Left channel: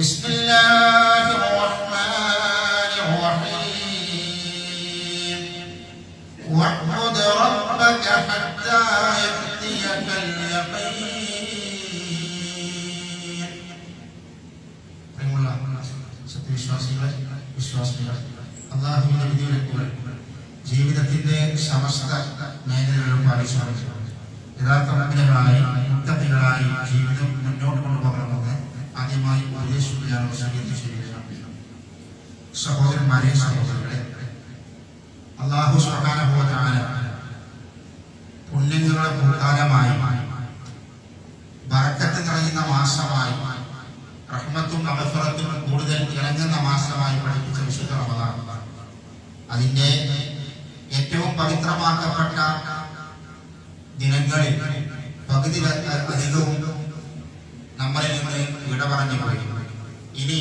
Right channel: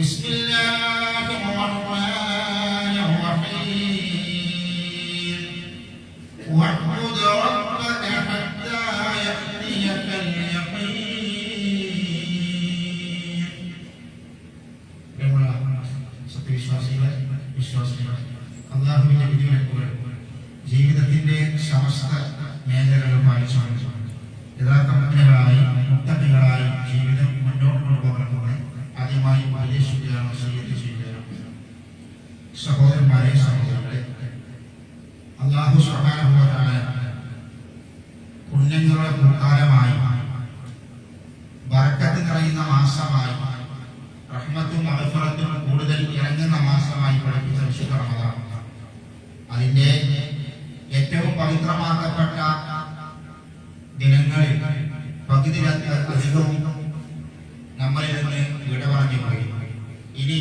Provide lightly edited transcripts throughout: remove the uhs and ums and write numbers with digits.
بسم الله الرحمن الرحيم واعبد ربك حتى يأتيك اليقين. സത്യവിശ്വാസികളെ വിശ്വാസികളെ, അല്ലാഹുവിന്റെ വിധിവിലക്കുകൾ ജീവിതത്തിന്റെ സമസ്ത മേഖലകളിലും പാലിച്ചുകൊണ്ട് യഥാർത്ഥ മുഅ്മിനുകളായി മുത്തഖികളായി ജീവിതം മുന്നോട്ട് കൊണ്ടുപോകണമെന്ന് ആദ്യമായി ഉപദേശിക്കുകയാണ്, വസിയ്യത്ത് ചെയ്യുകയാണ്. സഹോദരന്മാരെ, സഹോദരികളെ, അല്ലാഹു സുബ്ഹാനഹു വ തആല പുണ്യങ്ങളുടെ പൂക്കാലമായി, ബറക്കത്ത് നിറയുന്ന മാസമായി, റഹ്മത്തും മഗ്ഫിറത്തും കൂടുതൽ ഇറങ്ങുന്ന മാസമായി പഠിപ്പിച്ച വിശുദ്ധ റമദാൻ, അതിന്റെ ഏറ്റവും പവിത്രമാക്കപ്പെട്ട ദിനങ്ങളിൽ പകുതി അധികവും നമ്മളിൽ നിന്ന് വിട പറഞ്ഞു പോയി. ഇനി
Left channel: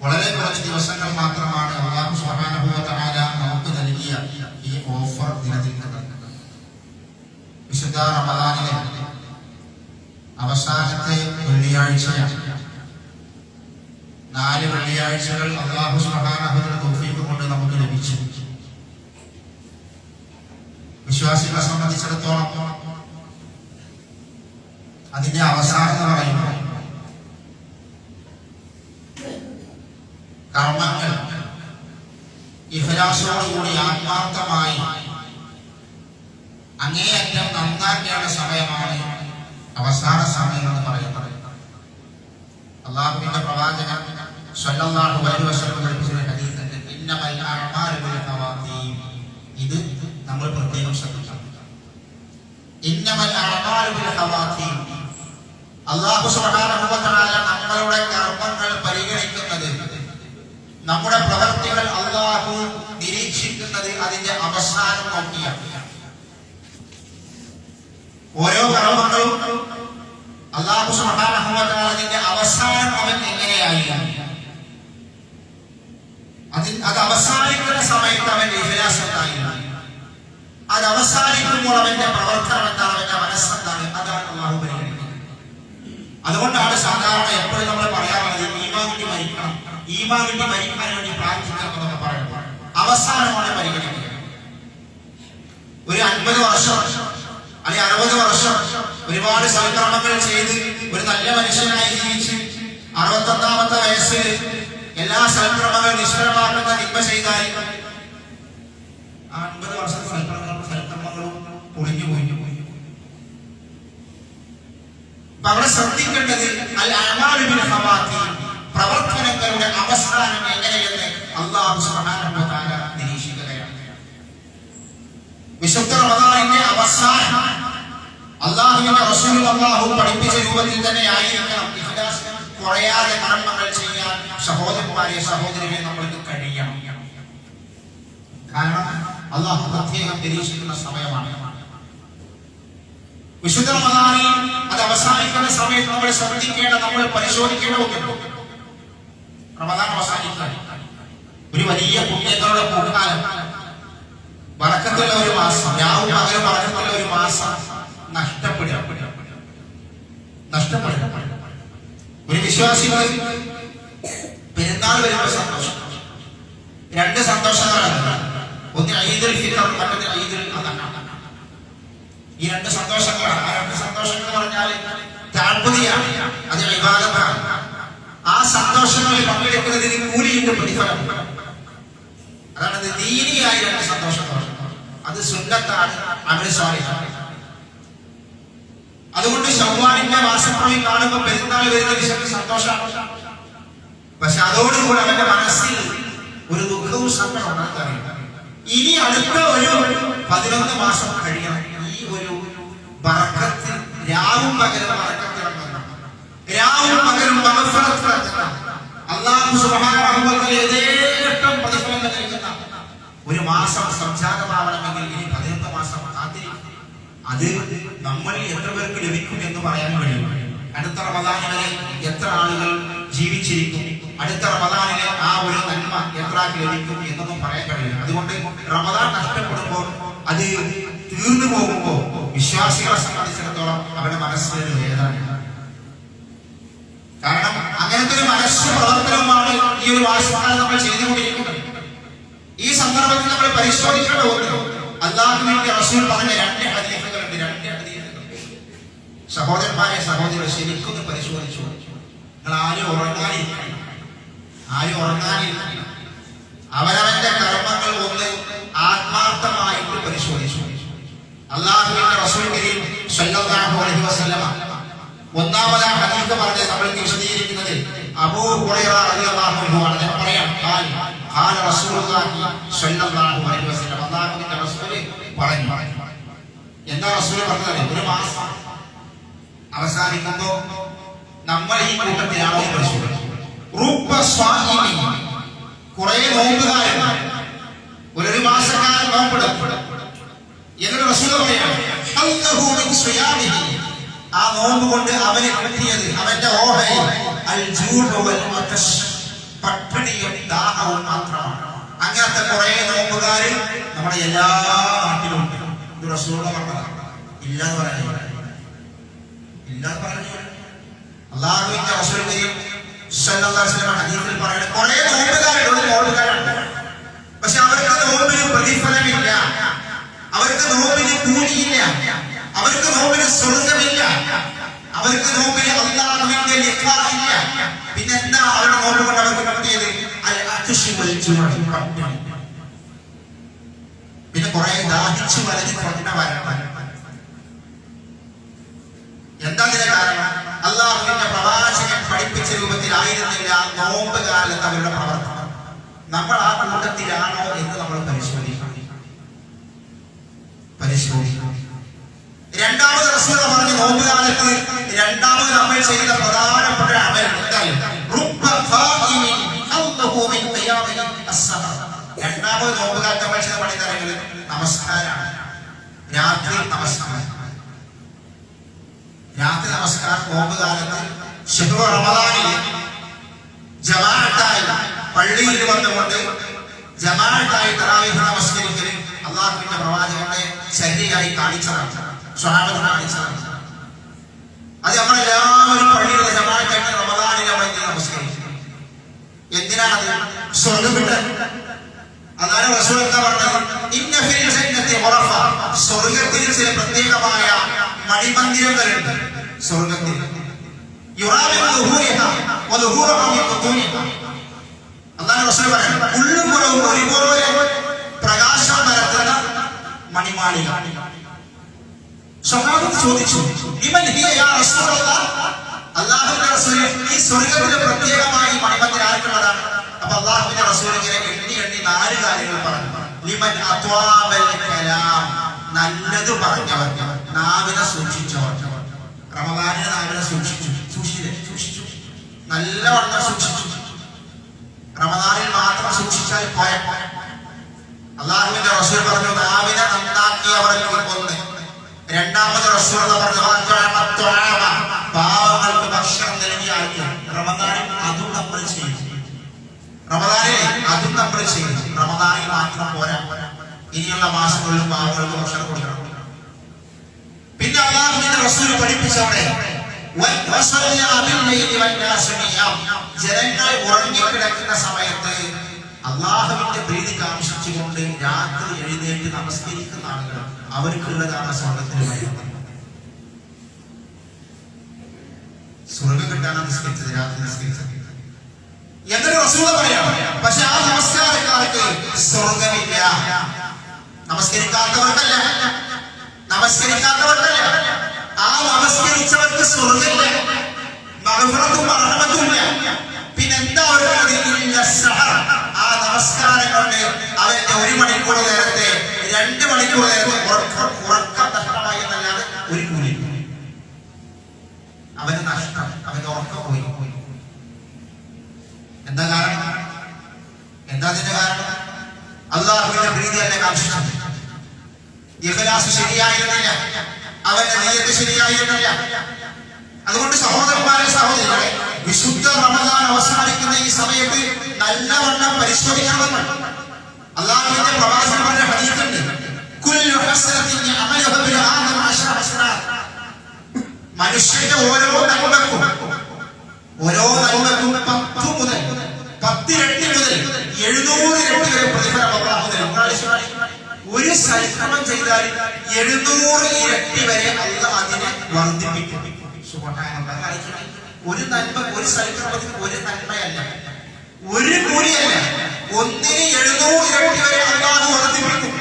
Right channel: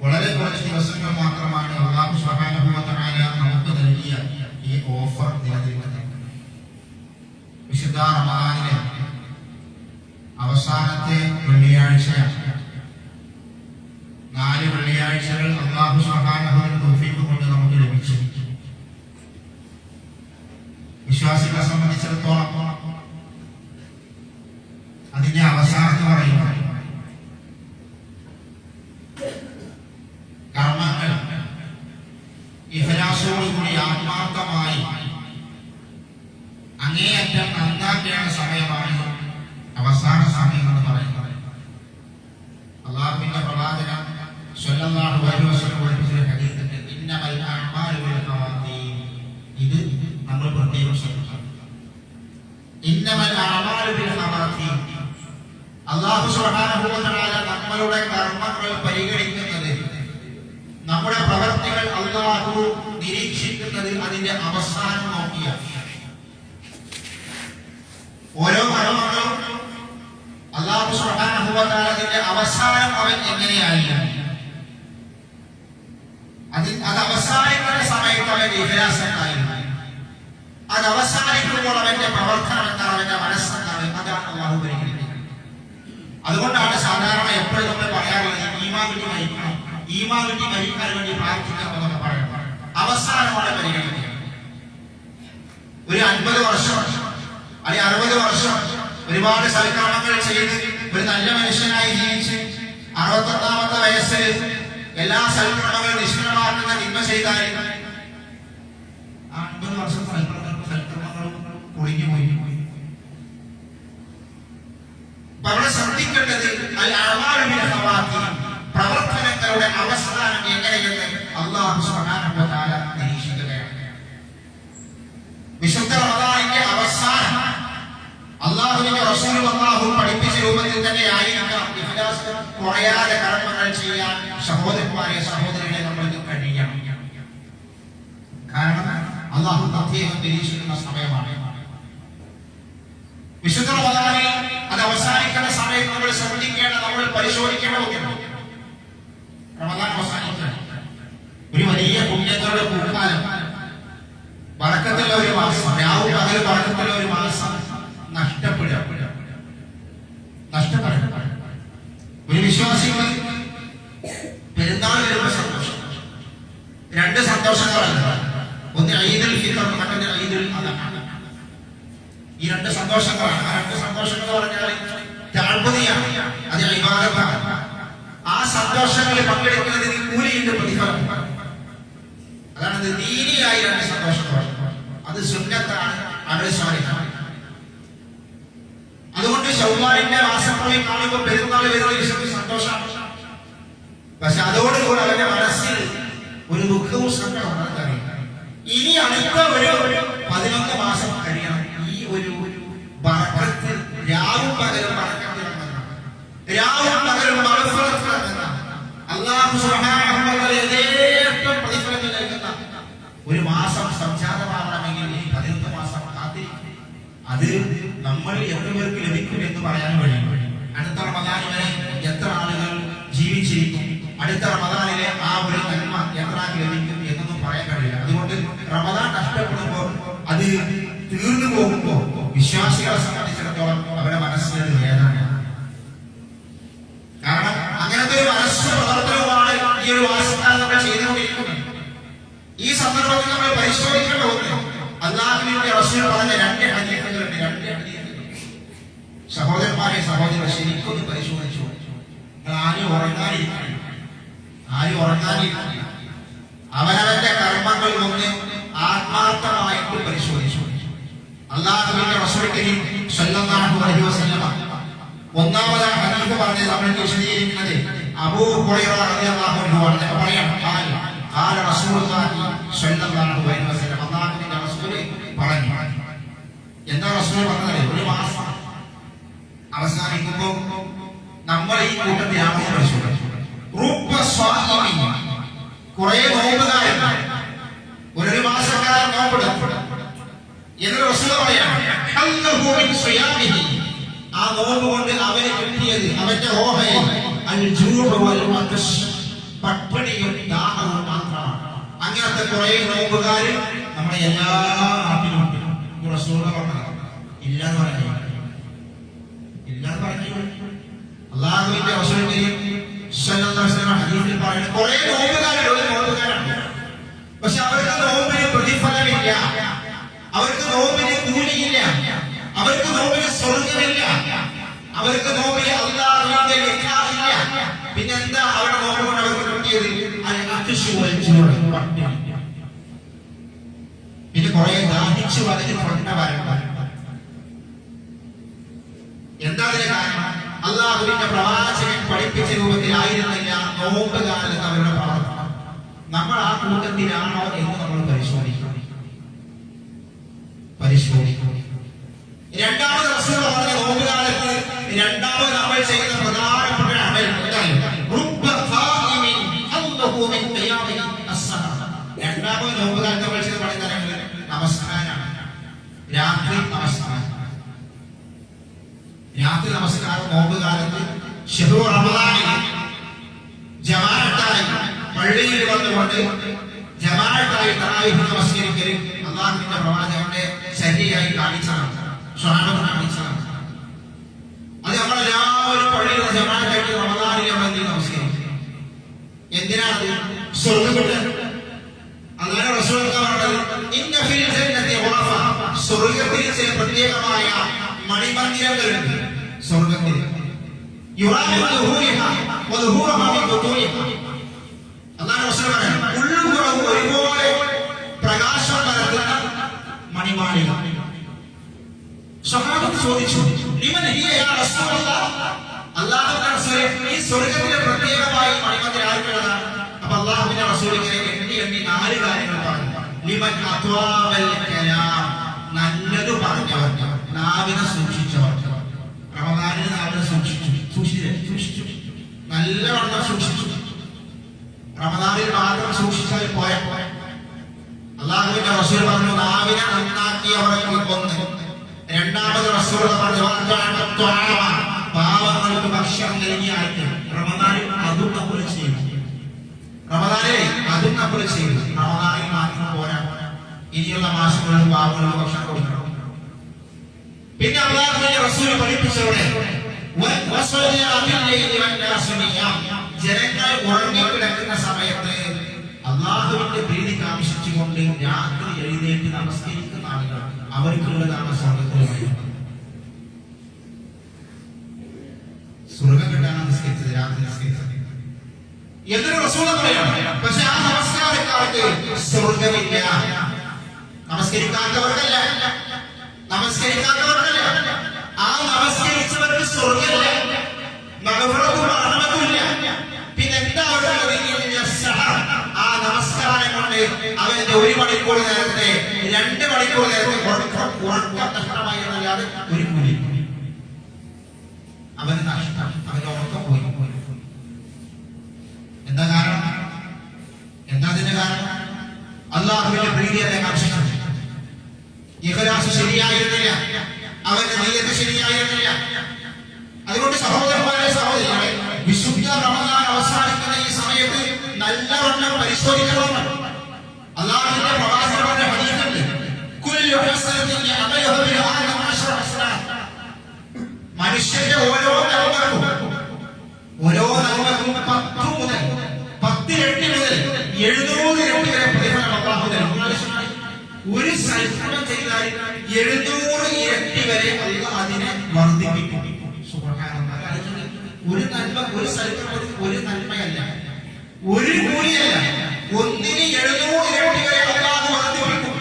വളരെ കുറച്ച് ദിവസങ്ങൾ മാത്രമാണ് അല്ലാഹു സുബ്ഹാനഹു വ തആല നമുക്ക് നൽകിയ ഈ ഓഫർ നിലനിൽക്കുന്നത്. വിശുദ്ധ റമദാനിലെ അവസാനത്തെ വെള്ളിയാഴ്ചയാണ്. 4 വെള്ളിയാഴ്ചകൾ അല്ലാഹു സുബ്ഹാനഹു വ തആല തൗഫീഖ് കൊണ്ട് നമുക്ക് ലഭിച്ചു. വിശ്വാസികളെ സംബന്ധിച്ചിടത്തോളം അതിന്റെ അവസാനം എന്ന് പറയുമ്പോൾ കർമ്മങ്ങൾ ഇഖ്ലാസോടുകൂടി ആത്മാർത്ഥമായി അങ്ങേയറ്റം നന്നാക്കേണ്ട സമയമാണ് അവസാന സമയം എന്ന് പറയുന്നത്. അല്ലാഹുവിന്റെ പ്രവാചകൻ സ്വല്ലല്ലാഹു അലൈഹി വസല്ലം പഠിപ്പിച്ച ഹദീസിൽ ഇന്നമൽ അഅമാലു ബിൽ ഖവാതീം, ഇത് നമ്മൾ പ്രത്യേകം ശ്രദ്ധിക്കണം. ഇന്നമൽ അഅമാലു ബിൽ ഖവാതീം, അല്ലാഹു സുബ്ഹാനഹു വ തആല നമ്മളുടെ കർമ്മങ്ങൾ പരിഗണിക്കുന്നത്, നമ്മുടെ പ്രവൃത്തികൾ അല്ലാഹു നിരീക്ഷിക്കുന്നത് അതിന്റെ അവസാനം നോക്കിയാണ്. ഓരോ കർമ്മങ്ങളും അല്ലാഹു സുബ്ഹാനഹു വ തആല അതിന്റെ അവസാനം അവൻ എങ്ങനെയായിരുന്നു, അത് അവസാനിക്കുന്ന സമയത്ത് അവന്റെ ഇഖ്ലാസ് എന്തായിരുന്നു, അത് അവസാനിക്കുമ്പോൾ അവന്റെ പ്രവർത്തനം എന്താണ്, അവന്റെ മനസ്സെന്താണ്, അതാണ് അല്ലാഹു പരിഗണിക്കുന്നത്. അതുകൊണ്ടാണ് സാധാരണ എപ്പോഴും നമ്മൾ പറയാറുള്ളത് ഈമാൻ കിട്ടി മരിക്കണം, ഈമാൻ കിട്ടി മരിക്കാൻ വേണ്ടി പ്രാർത്ഥിക്കണം എന്നൊക്കെ പറയുന്നത് അവസാനമാണ് പരിഗണിക്കുക. ഒരു 50 വർഷം അല്ലെങ്കിൽ 60 വർഷം ഒരുപാട് സൽക്കർമ്മങ്ങൾ ചെയ്ത് ഒരു നല്ല മനുഷ്യനായി ജീവിച്ച് 61ാമത്തെ വയസ്സിൽ എല്ലാ സൽക്കർമ്മങ്ങളും നിഷ്ഫലമാക്കുന്ന തിന്മ ചെയ്താൽ 50 വർഷത്തെ സൽക്കർമ്മങ്ങളും പൊളിഞ്ഞു പോയി. അവിടെ ശ്രദ്ധിക്കേണ്ടത് അൽ അഅമാലു ബിൽ ഖവാതീം, പ്രവർത്തനങ്ങളുടെ അവസാനം എങ്ങനെയെന്ന് അല്ലാഹു സുബ്ഹാനഹു വ തആല നിരീക്ഷിക്കുകയാണ്. വിശുദ്ധ റമദാനിന്റെ അവസാനം അല്ലാഹുവിന്റെ റസൂൽ അല്ലാഹു പഠിപ്പിച്ച രൂപത്തിൽ തന്നെ ആയിരിക്കണം ഇഖ്ലാസ് കുറയാതെ കർമ്മങ്ങൾ ചെയ്യാൻ സഹോദരന്മാരെ സഹോദരികളെ നമ്മൾക്ക് കഴിയണം. കാരണം അല്ലാഹു പ്രത്യേകം നിരീക്ഷിക്കുന്ന സമയമാണ് വിശുദ്ധ റമദാനിൽ. അത് അവസാനിക്കുന്ന സമയത്ത് നമ്മൾ ശ്രദ്ധിക്കേണ്ട, നമ്മൾ പരിശോധിക്കേണ്ട ഒക്കെ റമദാൻ അവസാനിക്കാൻ ഒരു വലിയ പുണ്യങ്ങളുടെ പൂക്കാലം, ബറക്കത്തുള്ള ഒരു മാസം, രാവും പകലും ബറക്കത്തുള്ള ഒരു മാസം നഷ്ടപ്പെടുക. ഒരു വിശ്വാസികൾ പെരുന്നാൾ വരുമ്പോൾ സന്തോഷം, 2 സന്തോഷങ്ങളാണ്. ഒന്ന് ഈദുൽ ഫിത്ർ, മറ്റൊന്ന് ഈദുൽ അദ്ഹ. ഈ 2 സന്തോഷങ്ങളാണ്. ആ 2 സന്തോഷങ്ങൾ എന്ന് പറഞ്ഞാൽ തഅബ്ബുദിയാണ്, അത് ഇബാദത്താണ്. ആ സന്തോഷങ്ങളിൽ പങ്കെടുക്കുന്നതിന് കൂലിയുണ്ട്, പ്രതിഫലം. അതാണ് ദീനിയായ 2 സന്തോഷങ്ങൾ. അത് സുന്നത്താണ്, അമൽ സ്വാലിഹാണ്. അതുകൊണ്ട് ശവ്വാലിന്റെ മാസപ്പിറവി കാണുമ്പോൾ പെരുന്നാൾ വരുന്ന വിഷയത്തിൽ സന്തോഷമാണ്. പക്ഷെ അതോടുകൂടി അവന്റെ മനസ്സിൽ ഒരു ദുഃഖവും സങ്കടവും അറിയാം. ഇനി അടുത്ത ഒരു 11 മാസം കഴിയണം ഈ ഒരു ബറക്കത്ത്, രാവും പകലും ബറക്കത്ത് ഇറങ്ങുന്ന, രാവും പകലും മഗ്ഫിറത്ത് ഇറങ്ങുന്ന, അല്ലാഹു സുബ്ഹാനഹു വ തആല യഥേഷ്ടം പ്രതിഫലങ്ങൾ നൽകുന്ന ഒരു മാസം സംജാതമാവണമെങ്കിൽ ഇനി 11 മാസം കാത്തിരിക്കും. അത് നമ്മൾ എത്ര പേർക്ക് ലഭിക്കും എന്ന് പറയാൻ കഴിയും. അടുത്ത റമദാൻ വരെ എത്ര ആളുകൾ ജീവിച്ചിരിക്കും, അടുത്ത റമദാനിലെ ആ ഒരു നന്മ എത്ര ലഭിക്കും എന്നൊന്നും പറയാൻ കഴിയില്ല. അതുകൊണ്ട് റമദാൻ നഷ്ടപ്പെടുമ്പോൾ, അത് തീർന്നു പോകുമ്പോൾ വിശ്വാസികളെ സംബന്ധിച്ചിടത്തോളം അവരുടെ മനസ്സിലൊരു വേദനയാണ്. കാരണം അങ്ങനത്തെ ഒരു മനസ്സ് മനസ്സും പ്രവർത്തനവുമാണ് ഈ ഒരു മാസക്കാലം നമ്മൾ ചെയ്തുകൊണ്ടിരിക്കുന്നത്. ഈ സന്ദർഭത്തിൽ നമ്മൾ പരിശോധിക്കേണ്ട ഒന്ന്, അല്ലാഹുവിന്റെ റസൂൽ പറഞ്ഞ രണ്ട് ഹദീസുകളുണ്ട്. സഹോദരന്മാരെ, സഹോദരൻ, ശരിക്കൊന്ന് പരിശോധിച്ചു. നിങ്ങൾ ആരും ഉറങ്ങാനിരിക്കണം, അവനവന്റെ കർമ്മങ്ങൾ ഒന്ന് ആത്മാർത്ഥമായിട്ട് പരിശോധിച്ചു. അല്ലാഹുവിന്റെ റസൂൽ കരീം സ്വല്ലല്ലാഹു അലൈഹി വസല്ലം ഒന്നാമത് ഹദീസ് പറഞ്ഞത് നമ്മൾക്ക് വിശദീകരിക്കുന്നത് അബൂ ഹുറൈറ റളിയല്ലാഹു അൻഹു ആണ്. ഞാൻ പറയാം, ഖാല റസൂലുള്ളാഹി സ്വല്ലല്ലാഹു അലൈഹി വസല്ലം, അല്ലാഹുവിന്റെ റസൂൽ പറഞ്ഞു. എന്താ റസൂൽ പറഞ്ഞത്? ഒരു മാസം അവസാനിക്കുമ്പോൾ നമ്മൾ ഈ കൂട്ടത്തിലാണോ പരിശോധിച്ചു. കുറെ നോമ്പുകാരൻ ഒരു മാസക്കാലം നോമ്പെടുക്കും എന്നിട്ട് റസൂൽ പറയാണ്, ആ നോമ്പ് കൊണ്ട് അവന് കിട്ടിയത്, അവന്റെ ഓഹയിൽ പട്ടിണിയും ദാഹവും മാത്രമാണ്. അങ്ങനത്തെ കുറെ നോമ്പുകാര് നമ്മുടെ എല്ലാ നാട്ടിലും ഉണ്ട്. ഇത് റസൂൽ പറഞ്ഞതാണ്, ഇല്ലാന്ന് പറഞ്ഞു. അല്ലാഹുവിന്റെ റസൂൽ സ്വല്ലല്ലാഹു അലൈഹി വസല്ലം ഹദീസിൽ പറയുന്നത് കുറെ നോമ്പുകാരുണ്ട്, ഒരു നോമ്പുകാരാണ്. പക്ഷെ അവർക്ക് നോമ്പിന് പ്രതിഫലമില്ല, അവർക്ക് നോമ്പിന് കൂലിയില്ല, അവർക്ക് നോമ്പിന് സ്വർഗമില്ല, അവർക്ക് നോമ്പിന് അല്ലാഹുവിന്റെ ലിഖാഇല്ല. പിന്നെന്താ അവരുടെ നോമ്പ് കൊണ്ട് അവർക്ക് കിട്ടിയത്? പിന്നെ കുറെ ദാഹിച്ചു വലഞ്ഞ് കൊണ്ടവരാണ്. എന്താ അതിന്റെ കാരണം? അല്ലാഹുവിന്റെ പ്രവാചകൻ പഠിപ്പിച്ച രൂപത്തിലായിരുന്നില്ല നോമ്പ് കാലത്ത് അവരുടെ പ്രവർത്തനം. നമ്മൾ ആ കൂട്ടത്തിലാണോ എന്ന് നമ്മൾ പരിശോധിക്കണം. രണ്ടാമത് റസൂൽ പറഞ്ഞ നോമ്പ് കാലത്ത് രണ്ടാമത് നമ്മൾ ചെയ്ത പ്രധാനപ്പെട്ട അമൽ രണ്ടാമത് നോമ്പ് കാലത്ത് നമ്മൾ ചെയ്ത പണി തരങ്ങൾ നമസ്കാരമാണ്. രാത്രി നമസ്കാരം നോമ്പ് കാലത്ത് ശഹ്റു റമദാനിൽ ജമാഅത്തായി പള്ളിയിൽ വന്നുകൊണ്ട് ജമാഅത്തായി തറാവീഹ് നമസ്കരിക്കൽ അല്ലാഹുവിന്റെ പ്രവാചകന്റെ ശരിയായി കാണിച്ചതാണ്, സ്വഹാബത്ത് കാണിച്ചതാണ്. അത് നമ്മളെല്ലാവരും പള്ളിയിലുള്ള ജമാഅത്തായിട്ട് റമദാനിൽ നമ്മൾ നമസ്കരിക്കും. എന്തിനാണത്? സ്വർഗം കിട്ടാൻ. അതാണ് റസൂൽ എന്താ പറഞ്ഞത്? ഇന്ന ഫിൽ ജന്നത്തി ഖുറഫ, സ്വർഗ്ഗത്തിൽ ചില പ്രത്യേകമായ മണിമന്ദിരങ്ങളുണ്ട്. സ്വർഗ്ഗത്തിൽ യുറാബി ദുഹൂരിഹാ വദുഹൂറുഹാ മിൻ ബുതൂനിഹാ. അല്ലാഹു റസൂൽ പറയുന്നു, ഉള്ളും പുറവും ഒരുപോലെ പ്രകാശം പരത്തുന്ന മണിമാളിക. സ്വഹാബത്ത് ചോദിച്ചു, ലിമൻ ഹിയ യാ റസൂലല്ലാഹ്? അല്ലാഹുവിന്റെ റസൂലേ, ഈ സ്വർഗ്ഗത്തിലെ പ്രത്യേകമായ മണിമന്ദിരം ആർക്കുള്ളതാണ്? അപ്പൊ അല്ലാഹുവിന്റെ റസൂൽ ഇങ്ങനെ എണ്ണി 4 കാര്യങ്ങൾ പറഞ്ഞു. ലിമൻ അത്വാബൽ കലാം, നല്ലത് പറഞ്ഞവർ, നാവിനെ സൂക്ഷിച്ചവർ. റമദാനിൽ നാവിനെ സൂക്ഷിച്ചു, നല്ലവണ്ണം സൂക്ഷിച്ചു. റമദാനിൽ മാത്രം സൂക്ഷിച്ചാൽ പോയ. അല്ലാഹുവിന്റെ റസൂൽ പറഞ്ഞു, നാവിനെ നന്നാക്കിയവർക്ക് ഒന്ന്. രണ്ടാമത് റസൂൽ പറഞ്ഞു, പാവങ്ങൾക്ക് ഭക്ഷണം നൽകിയ ആൾക്ക്. റമദാനിൽ അതും നമ്മൾ ചെയ്തു. റമദാനിൽ മാത്രം പോരാ, ഇനിയുള്ള മാസങ്ങളിലും പാവങ്ങൾക്ക് ഭക്ഷണം കൊടുക്കണം. പിന്നെ അല്ലാഹുവിന്റെ റസൂൽ പഠിപ്പിച്ചവിടെ ജനങ്ങൾ ഉറങ്ങിക്കിടക്കുന്ന സമയത്ത് അല്ലാഹുവിന്റെ പ്രീതി കാംക്ഷിച്ചുകൊണ്ട് രാത്രി എഴുന്നേറ്റ് നമസ്കരിക്കുന്ന ആളുകൾ, അവർക്കുള്ളതാണ് സ്വർഗത്തിന് വഴി. സ്വർഗം കിട്ടാനാണ് നിസ്കരിച്ചത്, രാത്രി നിസ്കരിച്ചത് എന്നൊരു റസൂൽ പറയാം. പക്ഷെ ആ നമസ്കാരക്കാർക്ക് സ്വർഗമില്ല. നമസ്കരിക്കാത്തവർക്കല്ല, ആ നമസ്കരിച്ചവർക്ക് സ്വർഗമില്ല, മഗ്ഫിറത്തും റഹ്മത്തുമില്ല. പിന്നെന്താ അവർക്ക്? ആ നമസ്കാരം കൊണ്ട് അവന്റെ 1 മണിക്കൂർ നേരത്തെ 2 മണിക്കൂർ നേരത്തെ ഉറക്കം നഷ്ടമായി എന്നല്ലാതെ ഒരു കൂലി. അവന് നഷ്ടം, അവന്റെ ഉറക്കം പോയി. എന്താ കാരണം? എന്താ അതിന്റെ കാരണം? അല്ലാഹുവിന്റെ പ്രീതി അല്ല കാംക്ഷിച്ചു. ഇഖ്ലാസ് ശരിയായിരുന്നില്ല, അവന്റെ നിയ്യത്ത് ശരിയായിരുന്നില്ല. അതുകൊണ്ട് സഹോദരന്മാരെ, സഹോദരികളെ, വിശുദ്ധ റമദാൻ അവസാനിക്കുന്ന ഈ സമയത്ത് നല്ലവണ്ണം പരിശോധിക്കണമെന്ന് അല്ലാഹുവിന്റെ പ്രവാചകൻ പറഞ്ഞ ഹദീസുണ്ട്. കുല്ലു ഹസനത്തിൻ യഅമലുഹു ബിൽ ആദം 10 ഹസനാത്ത്. മനുഷ്യന്റെ ഓരോ നന്മക്കും ഓരോ നന്മക്കും 10 മുതൽ 10 ഇരട്ടി മുതൽ 700 ഇരട്ടി വരെ പ്രതിഫലം അല്ലാഹു നൽകും. ഒരു സൽക്കർമ്മം ചെയ്താൽ 700 ഇരട്ടി വരെ അല്ലാഹു അതിനെ വർദ്ധിപ്പിക്കും. സുബ്ഹാനല്ലാഹ്. ഒരു നന്മ, ഒരു സൽക്കർമ്മത്തിന് ഒരു നന്മയല്ല, ഒരു കൂലിയല്ല, ഒന്നിന് 700 ഇരട്ടി വരെ അല്ലാഹു വർദ്ധിപ്പിക്കും.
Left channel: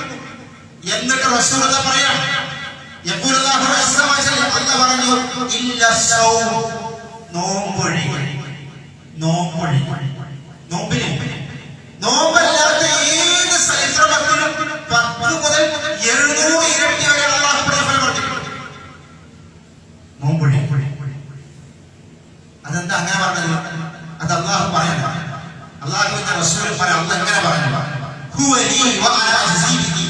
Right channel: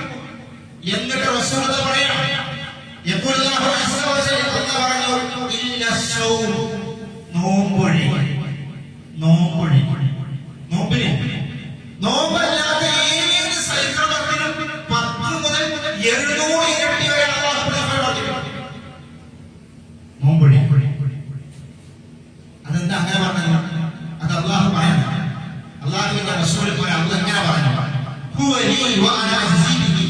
എന്നിട്ട് റസൂലുള്ളാഹി പറയാം, യഖൂലുല്ലാഹു അസ്സ വജൽ, അല്ലാഹു പറഞ്ഞു, ഇല്ല സൗം, നോമ്പൊഴി, നോമ്പൊഴി, നോമ്പിന് നോമ്പല്ലാത്ത ഏത് സൽക്കർമ്മത്തിനും 10 മുതൽ 700 ഇരട്ടി വരെ അല്ലാഹു പ്രതിഫലം വർദ്ധിപ്പിക്കും. നോമ്പൊഴി. അതെന്താ അങ്ങനെ പറഞ്ഞത്? അത് അല്ലാഹു പറയുന്നു. അല്ലാഹുവിന്റെ റസൂൽ പറയാം, അല്ലാഹു എങ്ങനെ പറഞ്ഞു? ഹുവ ലീ വ അനാ അജ്സീ ബിഹി.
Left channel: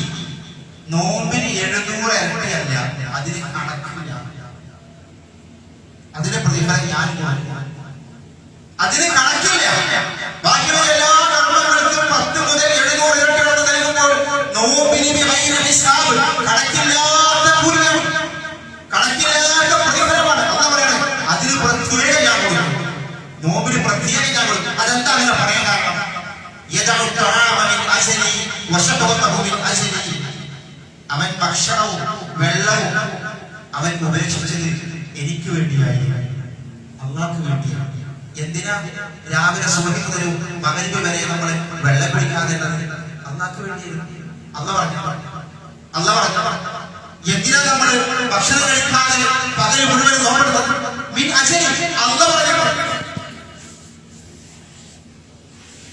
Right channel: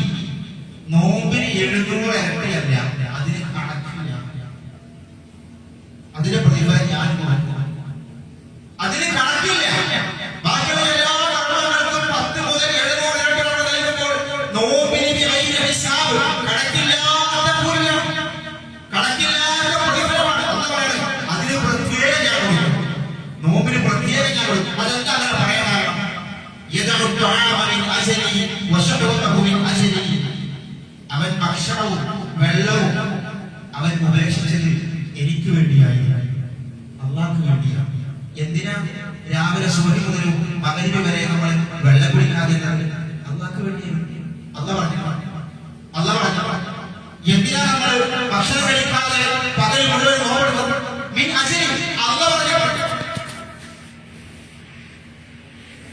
നോമ്പിന് 700 ഇരട്ടിയല്ല, അതിന് കണക്കില്ല. അതിന്റെ പ്രതിഫലം ഞാൻ കൊടുക്കും, അതിന് കണക്കില്ല. ബാക്കിയുള്ള എല്ലാ കർമ്മങ്ങൾക്കും 10 മുതൽ 700 ഇരട്ടി നൽകുമ്പോൾ നോമ്പിന് ബിഗൈരി ഹിസാബ്, കണക്കില്ലാത്ത കൂലിയാണ്, കണക്കില്ലാത്ത പ്രതിഫലമാണ്. അല്ലാഹു പറയുന്നത് അതിന് പ്രത്യേകം ഞാൻ കൊടുക്കും, നോമ്പിന് പ്രത്യേകം ഞാൻ കൊടുക്കും. അതെന്താ അങ്ങനെ പറയാൻ കാരണം? യദഉ തആമ മിൻ അജ്ലി വശഖവതഹു മിൻ അജ്ലി. അവൻ ഭക്ഷണവും വെള്ളവും അവൻ ഉപേക്ഷിച്ചത് എനിക്ക് വേണ്ടിയായി, അല്ലാഹുവിന് വേണ്ടിയാണ്. എന്തിനാ രാവിലെ സുബഹി മുതൽ മഗ്‌രിബ് വരെ നമ്മൾ വെള്ളം കുടിക്കാതെ അല്ലാഹുവിന് വേണ്ടിയാണ്. അല്ലാഹു പറഞ്ഞു എന്തിനാ നമ്മൾ ഭക്ഷണം കഴിക്കാതെ പകൽ മുഴുവൻ നോമ്പെടുത്തത്? മിൻ അജ്ലി. അല്ലാഹു പറഞ്ഞു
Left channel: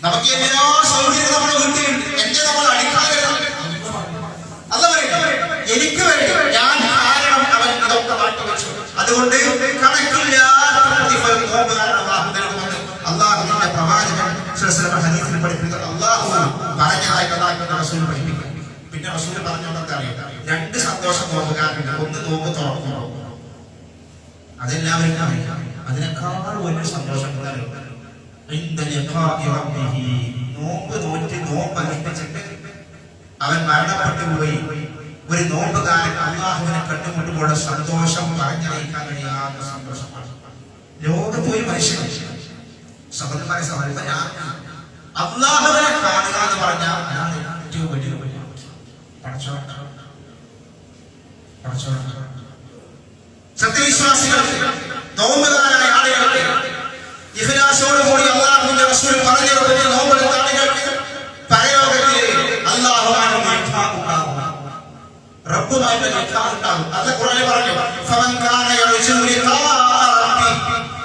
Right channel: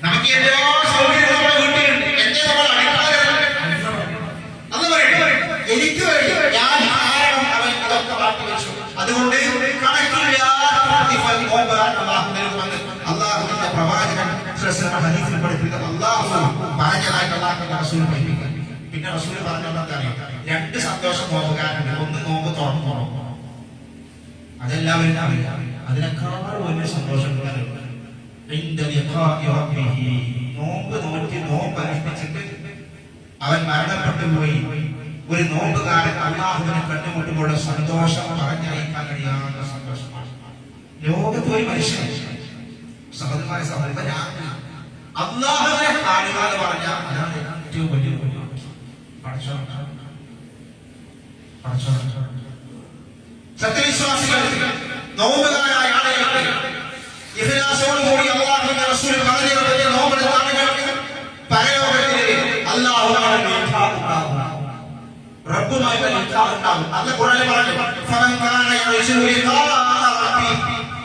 നമുക്ക് എല്ലാ സൗകര്യവും നമ്മുടെ വീട്ടിലുണ്ട്, എന്നെ നമ്മൾ അടിക്കാതെ അല്ലാഹു പറയട്ടെ, എനിക്ക് വേണ്ടി ഞാൻ കാരണം അവൻ അതൊക്കെ മാറ്റി വെച്ചു. അതുകൊണ്ട് കണക്കില്ലാത്ത പ്രതിഫലം അല്ലാഹുവിന്റെ പ്രവാചകൻ ഹദീസിൽ പഠിപ്പിക്കുന്നത് അല്ലാഹു പറഞ്ഞതായിട്ട് അല്ലാഹുവിന്റെ റസൂൽ പഠിപ്പിക്കുക. പിന്നെ റസൂൽ പറഞ്ഞത് എന്താ അറിയോ? 2 സന്തോഷം നോമ്പുകാരുണ്ട്. ഒന്ന് നോമ്പ് തുറന്നു, അതെല്ലാവരും അറിയാം. അതിനേക്കാൾ വലിയ സന്തോഷം നോമ്പ് നോറ്റ് നോമ്പ് അനുഷ്ഠിച്ചിട്ട് അവൻ മരണപ്പെട്ടു പോയി. ഒരു നോമ്പുകാരൻ അല്ലാഹുവിനെ കണ്ടുമുട്ടുമ്പോൾ സന്തോഷം പറഞ്ഞറിയിക്കാൻ കഴിയാത്ത സന്തോഷമാണ്. ലോകത്ത് ഒരു മനുഷ്യൻ സഹോദരന്മാരെ അല്ലാഹുവിനെ കാണുക എന്ന് പറഞ്ഞാൽ അതാണ് ഏറ്റവും വലിയ സത്യവിശ്വാസികൾക്ക്, നോമ്പുകാരായ ആളുകൾക്ക്, ഇഖ്ലാസോടുകൂടി അല്ലാഹുവിന്റെ റസൂൽ പറഞ്ഞു നോമ്പെടുത്ത ആളുകൾക്ക് പരലോകത്തിലെ അല്ലാഹുവാണ് റബ്ബുമായി ഉണ്ടാകും. അത് ഖുർആനിൽ പറഞ്ഞു, ഫമൻ കാന യർജു ലിഖാ റബ്ബി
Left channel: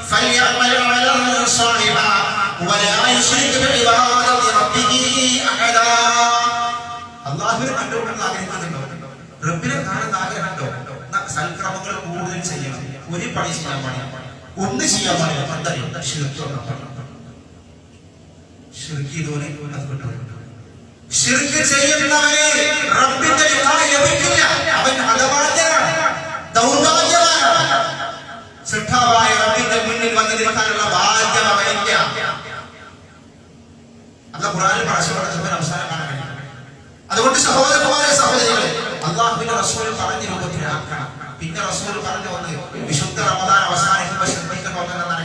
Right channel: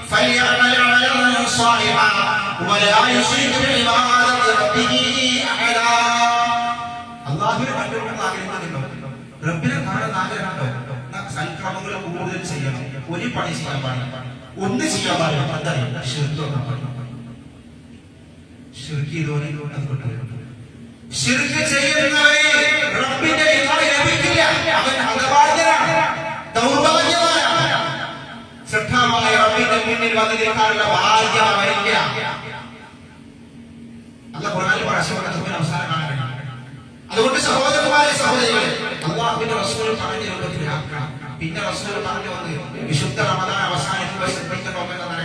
ഫൽയഅമൽ അമലൻ സാലിഹാ വലാ യുശ്രിക് ബിഇബാദത്തി റബ്ബിഹി അഹദാ. അല്ലാഹുവിനെ കണ്ടുമുട്ടാൻ ആഗ്രഹിക്കുന്നുണ്ടോ? റബ്ബിനെ കാണാൻ ആഗ്രഹമുണ്ടോ? സൽക്രമങ്ങൾ കൂടുതൽ ചെയ്യണം. ഒരു പണി ചെയ്യാൻ പാടില്ല, ഒന്ന് ചെയ്യാൻ പാടില്ല. എന്താ ശിർക്ക് ഇതുപോലെ അത് കിട്ടും. ശിർക്ക് ചെയ്യുന്നവരെ റബ്ബിന്റെ ലിഖാഇ ലഭിക്കില്ല. അവൻ ഹതഭാഗ്യനാണ്, ദൗർഭാഗ്യവാനാണ്. ശ്രദ്ധാവായ റബ്ബിന്റെ മുന്നിൽ വന്ന് നിൽക്കാനുള്ള ഭാഗ്യം അവനില്ല. അല്ലാഹു ഖുർആനിൽ പറഞ്ഞ അവസാനം കാണാൻ കഴിയും. അതുകൊണ്ട് സഹോദരന്മാരെ, സഹോദരികളെ, അല്ലാഹുവിന്റെ റസൂൽ പറഞ്ഞ രൂപത്തിലാക്കണം. പിന്നെ റസൂൽ പറഞ്ഞു വന്ന് വിശുദ്ധ റമദാൻ അവസാനിക്കുമ്പോൾ ശ്രദ്ധിക്കണമെന്നാണ്.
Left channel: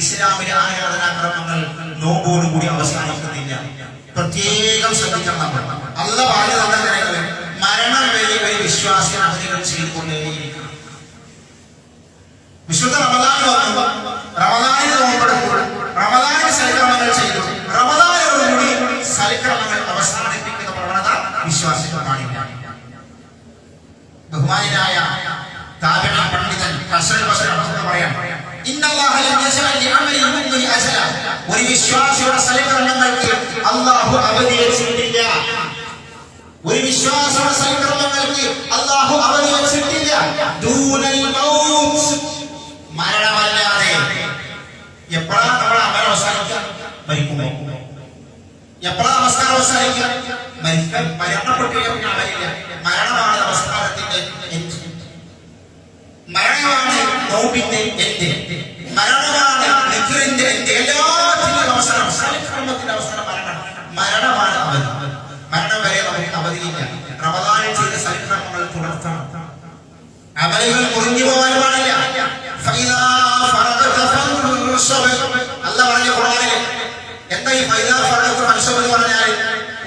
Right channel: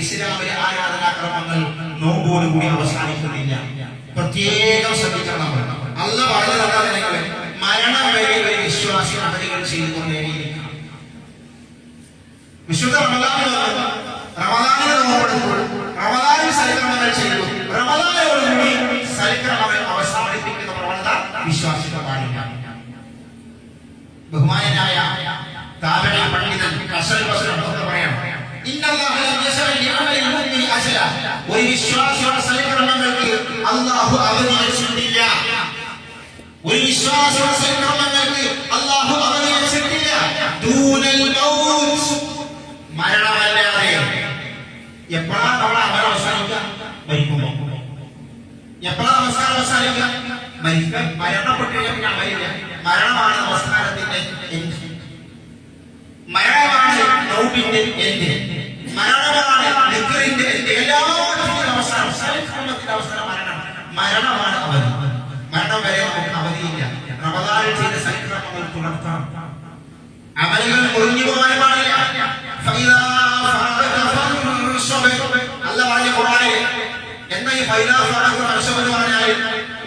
ഇസ്ലാമിലെ ആരാധനാക്രമങ്ങൾ നോമ്പോടുകൂടി അവസാനിക്കുന്നില്ല. പ്രത്യേകം ശ്രദ്ധിക്കണം. നമ്മൾ അല്ലാഹു പറഞ്ഞത് മരണം വരെ ഒരു വിശ്വാസി അമലുകൾ ചെയ്തുകൊണ്ടേയിരിക്കണം. വിശുദ്ധ റമദാൻ വന്നു, റമദാനിൽ നോമ്പെടുത്തു, റമദാനിൽ സൽക്കർമ്മങ്ങൾ ചെയ്തു, റമദാനോടുകൂടി സൽക്കർമ്മങ്ങൾ അവസാനിപ്പിക്കുന്ന പ്രവണത വിശ്വാസികൾ പാടില്ല. ബഹുമാനായ താബിഈ പണ്ഡിതൻ ഹസൻ ബസ്രി റഹ്മത്തുള്ളാഹി പറയാം, ഇന്നല്ലാഹ ലം യസ്അൽ ലിഅമലിൽ മുഅ്മിനി അജല. ഒരു വിശ്വാസിയുടെ സൽക്കർമ്മങ്ങൾക്ക് അല്ലാഹു അവധി വെച്ചിട്ടില്ല. ഒരു വിശ്വാസിയുടെ സൽക്കർമ്മങ്ങൾക്ക് അല്ലാഹു അവധി വെച്ചിട്ടില്ല. ദൂനൽ മൗത്ത്, മരണമല്ലാതെ. എപ്പോഴാണ് നമ്മുടെ അമൽ അവസാനിക്കുക? മരിക്കുമ്പോൾ. എപ്പോഴാണ് നമസ്കാരം അവസാനിക്കുക? മരണപ്പെട്ടു കഴിഞ്ഞാൽ അമലില്ല. മരണമാണ് നമസ്കാരത്തിന്റെ എൻഡ്, മരണമാണ് നോമ്പിന്റെ എൻഡ്, മരണമാണ് നിക്റിന്റെ എൻഡ്. എല്ലാത്തിന്റെയും അവസാനം, സൽക്കർമ്മത്തിന്റെ അവസാനം മരണമാണ് അവധി. മരണം വരെ നമുക്ക് അവധിയില്ല. റമദാനിൽ ചെയ്ത സൽക്കർമ്മങ്ങൾ തുടർത്തണം. അമലുകൾ മുറിഞ്ഞു പോകാൻ പാടില്ല. ഈ ഫൈദാ ഫറഅത്ത് ഫൻസബ് എന്ന് പറഞ്ഞാൽ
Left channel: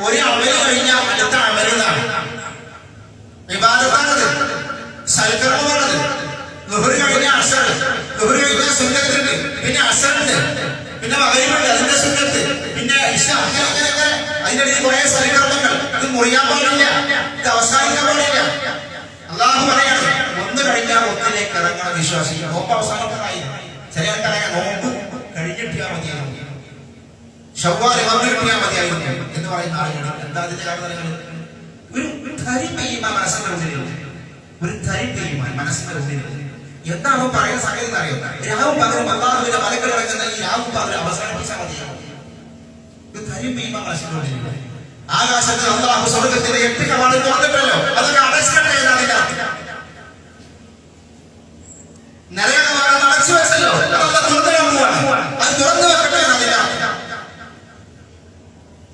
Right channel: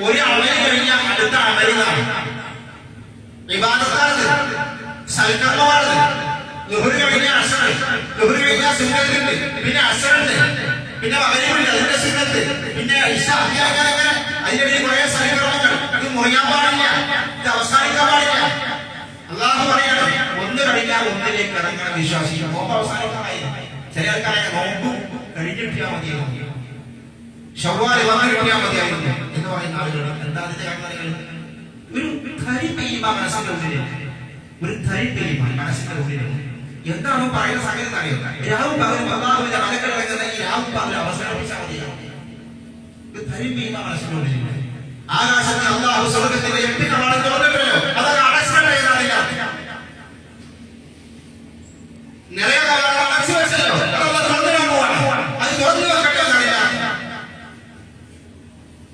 ഒരു അമല് കഴിഞ്ഞാൽ അടുത്ത അമലിനാണ്, ഇബാദത്താണത്, സൽക്കർമ്മമാണത്. ളുഹർ കഴിഞ്ഞാൽ അസർ, ളുഹർ കഴിഞ്ഞാൽ സുന്നത്തുണ്ട്, പിന്നെ അസറുണ്ട്, പിന്നെ മഗ്‌രിബുണ്ട്, അതിന്റെ സുന്നത്ത്, പിന്നെ ഇശ, അങ്ങനെ അതിന്റെ ഇടയിൽ കുറെ സൽക്കർമ്മങ്ങൾ. ഇത് മുറിയാൻ പാടില്ല, ഇത് അവസാനിക്കാൻ പാടില്ല. അള്ളാഹു പറയാണ് ഒന്ന് കഴിഞ്ഞാൽ ഒന്നിലേക്ക് ഇറങ്ങണ വിശ്വാസി. നോമ്പ് അവസാനിക്കാറായി. ചില ആൾക്കാരെ നോമ്പ് കഴിഞ്ഞിട്ടിയാൽ മതിയായിരുന്നു, ശവ്വാൽ വന്നിട്ടിയാൽ മതിയായിരുന്നു എന്ന് പറയുന്ന ആളുകൾ. എന്താ അതിന്റെ കാരണം? ഒരു ധരിപ്പീമ മനസ്സിന്റെ ഉള്ളിൽ, ഒരു ധരിപ്പീമ മനസ്സിന്റെ ഉള്ളിൽ. എന്താണ് പറയുന്ന സംഗതി എന്നറിയോ? രാവും പകരം അള്ളാഹുവിന്റെ മലക്കൾ ഇറങ്ങുന്ന ഈ രാവും പകരം അവസാനിപ്പിച്ചാൽ മതിയാവും. ഒരു ധരിപ്പീമ മനസ്സിന്റെ ഉള്ളിൽ. ആകാശത്തിൽ അള്ളാഹു സ്വർഗ്ഗത്തിന്റെ 8 കവാടം തുറന്നിട്ടല്ലോ, അതൊക്കെ അടച്ചിട്ടേ എന്നതിന്റെ നിറയെ കവാടം അടച്ചു വെച്ചല്ലോ, അതല്ല തുറന്നിടാൻ പോവാണ്, അത് തുറന്നു വെക്കട്ടെ എന്നതിന്റെ.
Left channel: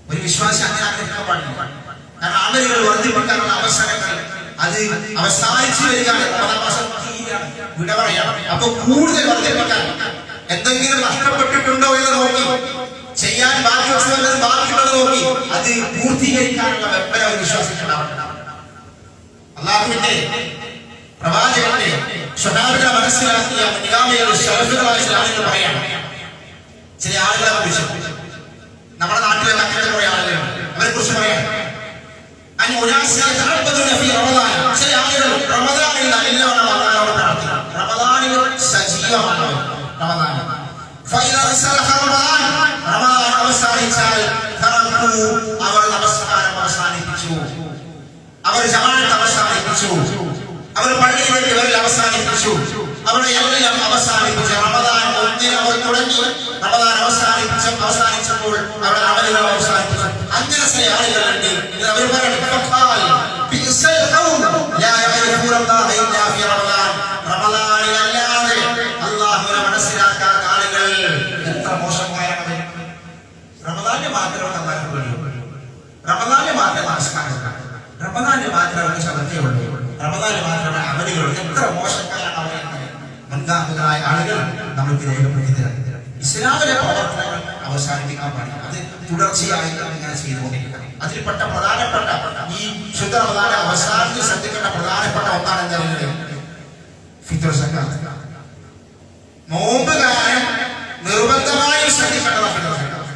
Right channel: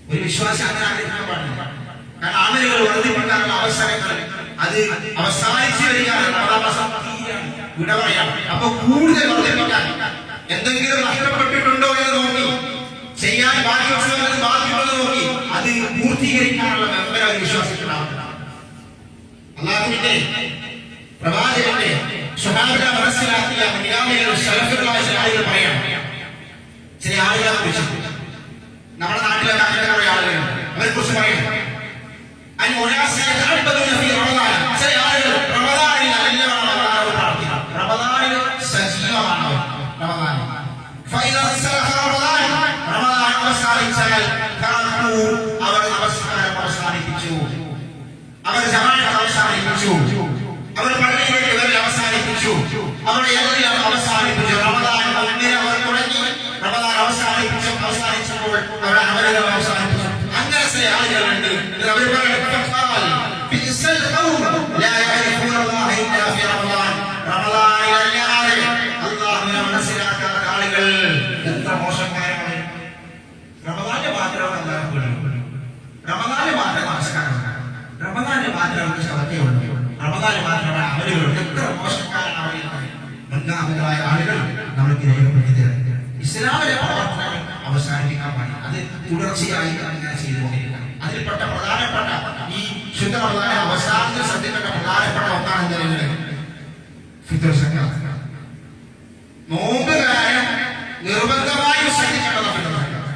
ഒരു വിശ്വാസി അങ്ങനെ ആഗ്രഹിക്കാൻ പാടില്ല. കാരണം അമലുകൾ വർദ്ധിപ്പിക്കാനുള്ള അവസരങ്ങൾ അത് അവസാനിച്ചു വരികയാണ്. വിട പറയാണ്. അപ്പൊ കൂടുതൽ വർദ്ധിപ്പിക്കാൻ എന്തെങ്കിലും നഷ്ടപ്പെട്ടിട്ടുണ്ടോ എന്ന് നോക്കി, ചെയ്യാൻ ബാക്കി വസ്തുക്കൾ ബാക്കിയുള്ളത് നോക്കി അത് പൂർത്തീകരിക്കാനുള്ള വെമ്പര ഒരു വിശ്വാസിക്കുണ്ടാവണം. അല്ലാഹുവിന്റെ പ്രവാചകന്റെ സ്വഹാബികളെ മനസ്സിലാക്കിയ നിഗാമികൾ ശറഫുകളായ ചില ആളുകൾ പറയാണ്. ചില ആളുകളെ കുറിച്ച് നമ്മുടെ നാട്ടിലൊക്കെ അങ്ങനത്തെ കുറെ ആളുകളുണ്ട്. അവരെ കുറിച്ച് പറയണം. ചില ആളുകൾ റമദാനിൽ നല്ലവണ്ണം അല്ലാഹുവോട് പ്രാർത്ഥിക്കണം. റമദാനിൽ സജീവമാണ്. റമദാൻ അവസാനിച്ചാൽ അവർ നമസ്കാരം അവസാനിപ്പിച്ചു, അവർ ജമാഅത്ത് അവസാനിപ്പിച്ചു, അവർ പള്ളിയിലേക്ക് വരൽ അവസാനിപ്പിച്ചു, അവരുടെ എല്ലാം അവസാനിപ്പിച്ചു. റമദാൻ 1 അവർ തുടങ്ങി, റമദാൻ അവസാനിച്ചപ്പോൾ അവരുടെ അമലുകൾ അവസാനിപ്പിച്ചു. അങ്ങനെ ചില ആളുകളുണ്ട്. അവർ റമദാനിലല്ലാതെ അല്ലാഹുവിനെ മനസ്സിലാക്കാത്ത ആളുകൾ എത്ര മോശക്കാരാണ്. റമദാനിൽ മാത്രമേ അല്ലാഹു പേടിയുള്ളൂ, റമദാനിൽ മാത്രമേ നമസ്കാരം, റമദാനിൽ മാത്രമേ അവർക്ക് ശ്രദ്ധയുള്ളൂ, റമദാനിൽ മാത്രമേ അമലുകളുള്ളൂ. എത്ര മോശക്കാരാണ് അവർ. മുൻഗാമികളായ ആളുകൾ നമ്മൾക്ക് രേഖപ്പെടുത്തി തരാം. ഇസ്ലാമിലെ പ്രവർത്തനങ്ങൾ അവസാനിപ്പിക്കാൻ പാടില്ല, അത് തുടർച്ചയായി ഇങ്ങനെ ചെയ്തുകൊണ്ടിരിക്കണം. അതിൽപ്പെട്ട പ്രധാനപ്പെട്ട ഈ ശുദ്ധ റമദാനെ അവസാനത്തിൽ ശ്രദ്ധിക്കേണ്ട പ്രധാനപ്പെട്ട ഒന്നാണ് എന്തായാലും ഫിത്ർ സക്കാത്ത്. നോമ്പുകാരൻ നിർബന്ധമായും ശ്രദ്ധിക്കേണ്ടതാണ് ഫിത്ർ സക്കാത്ത്.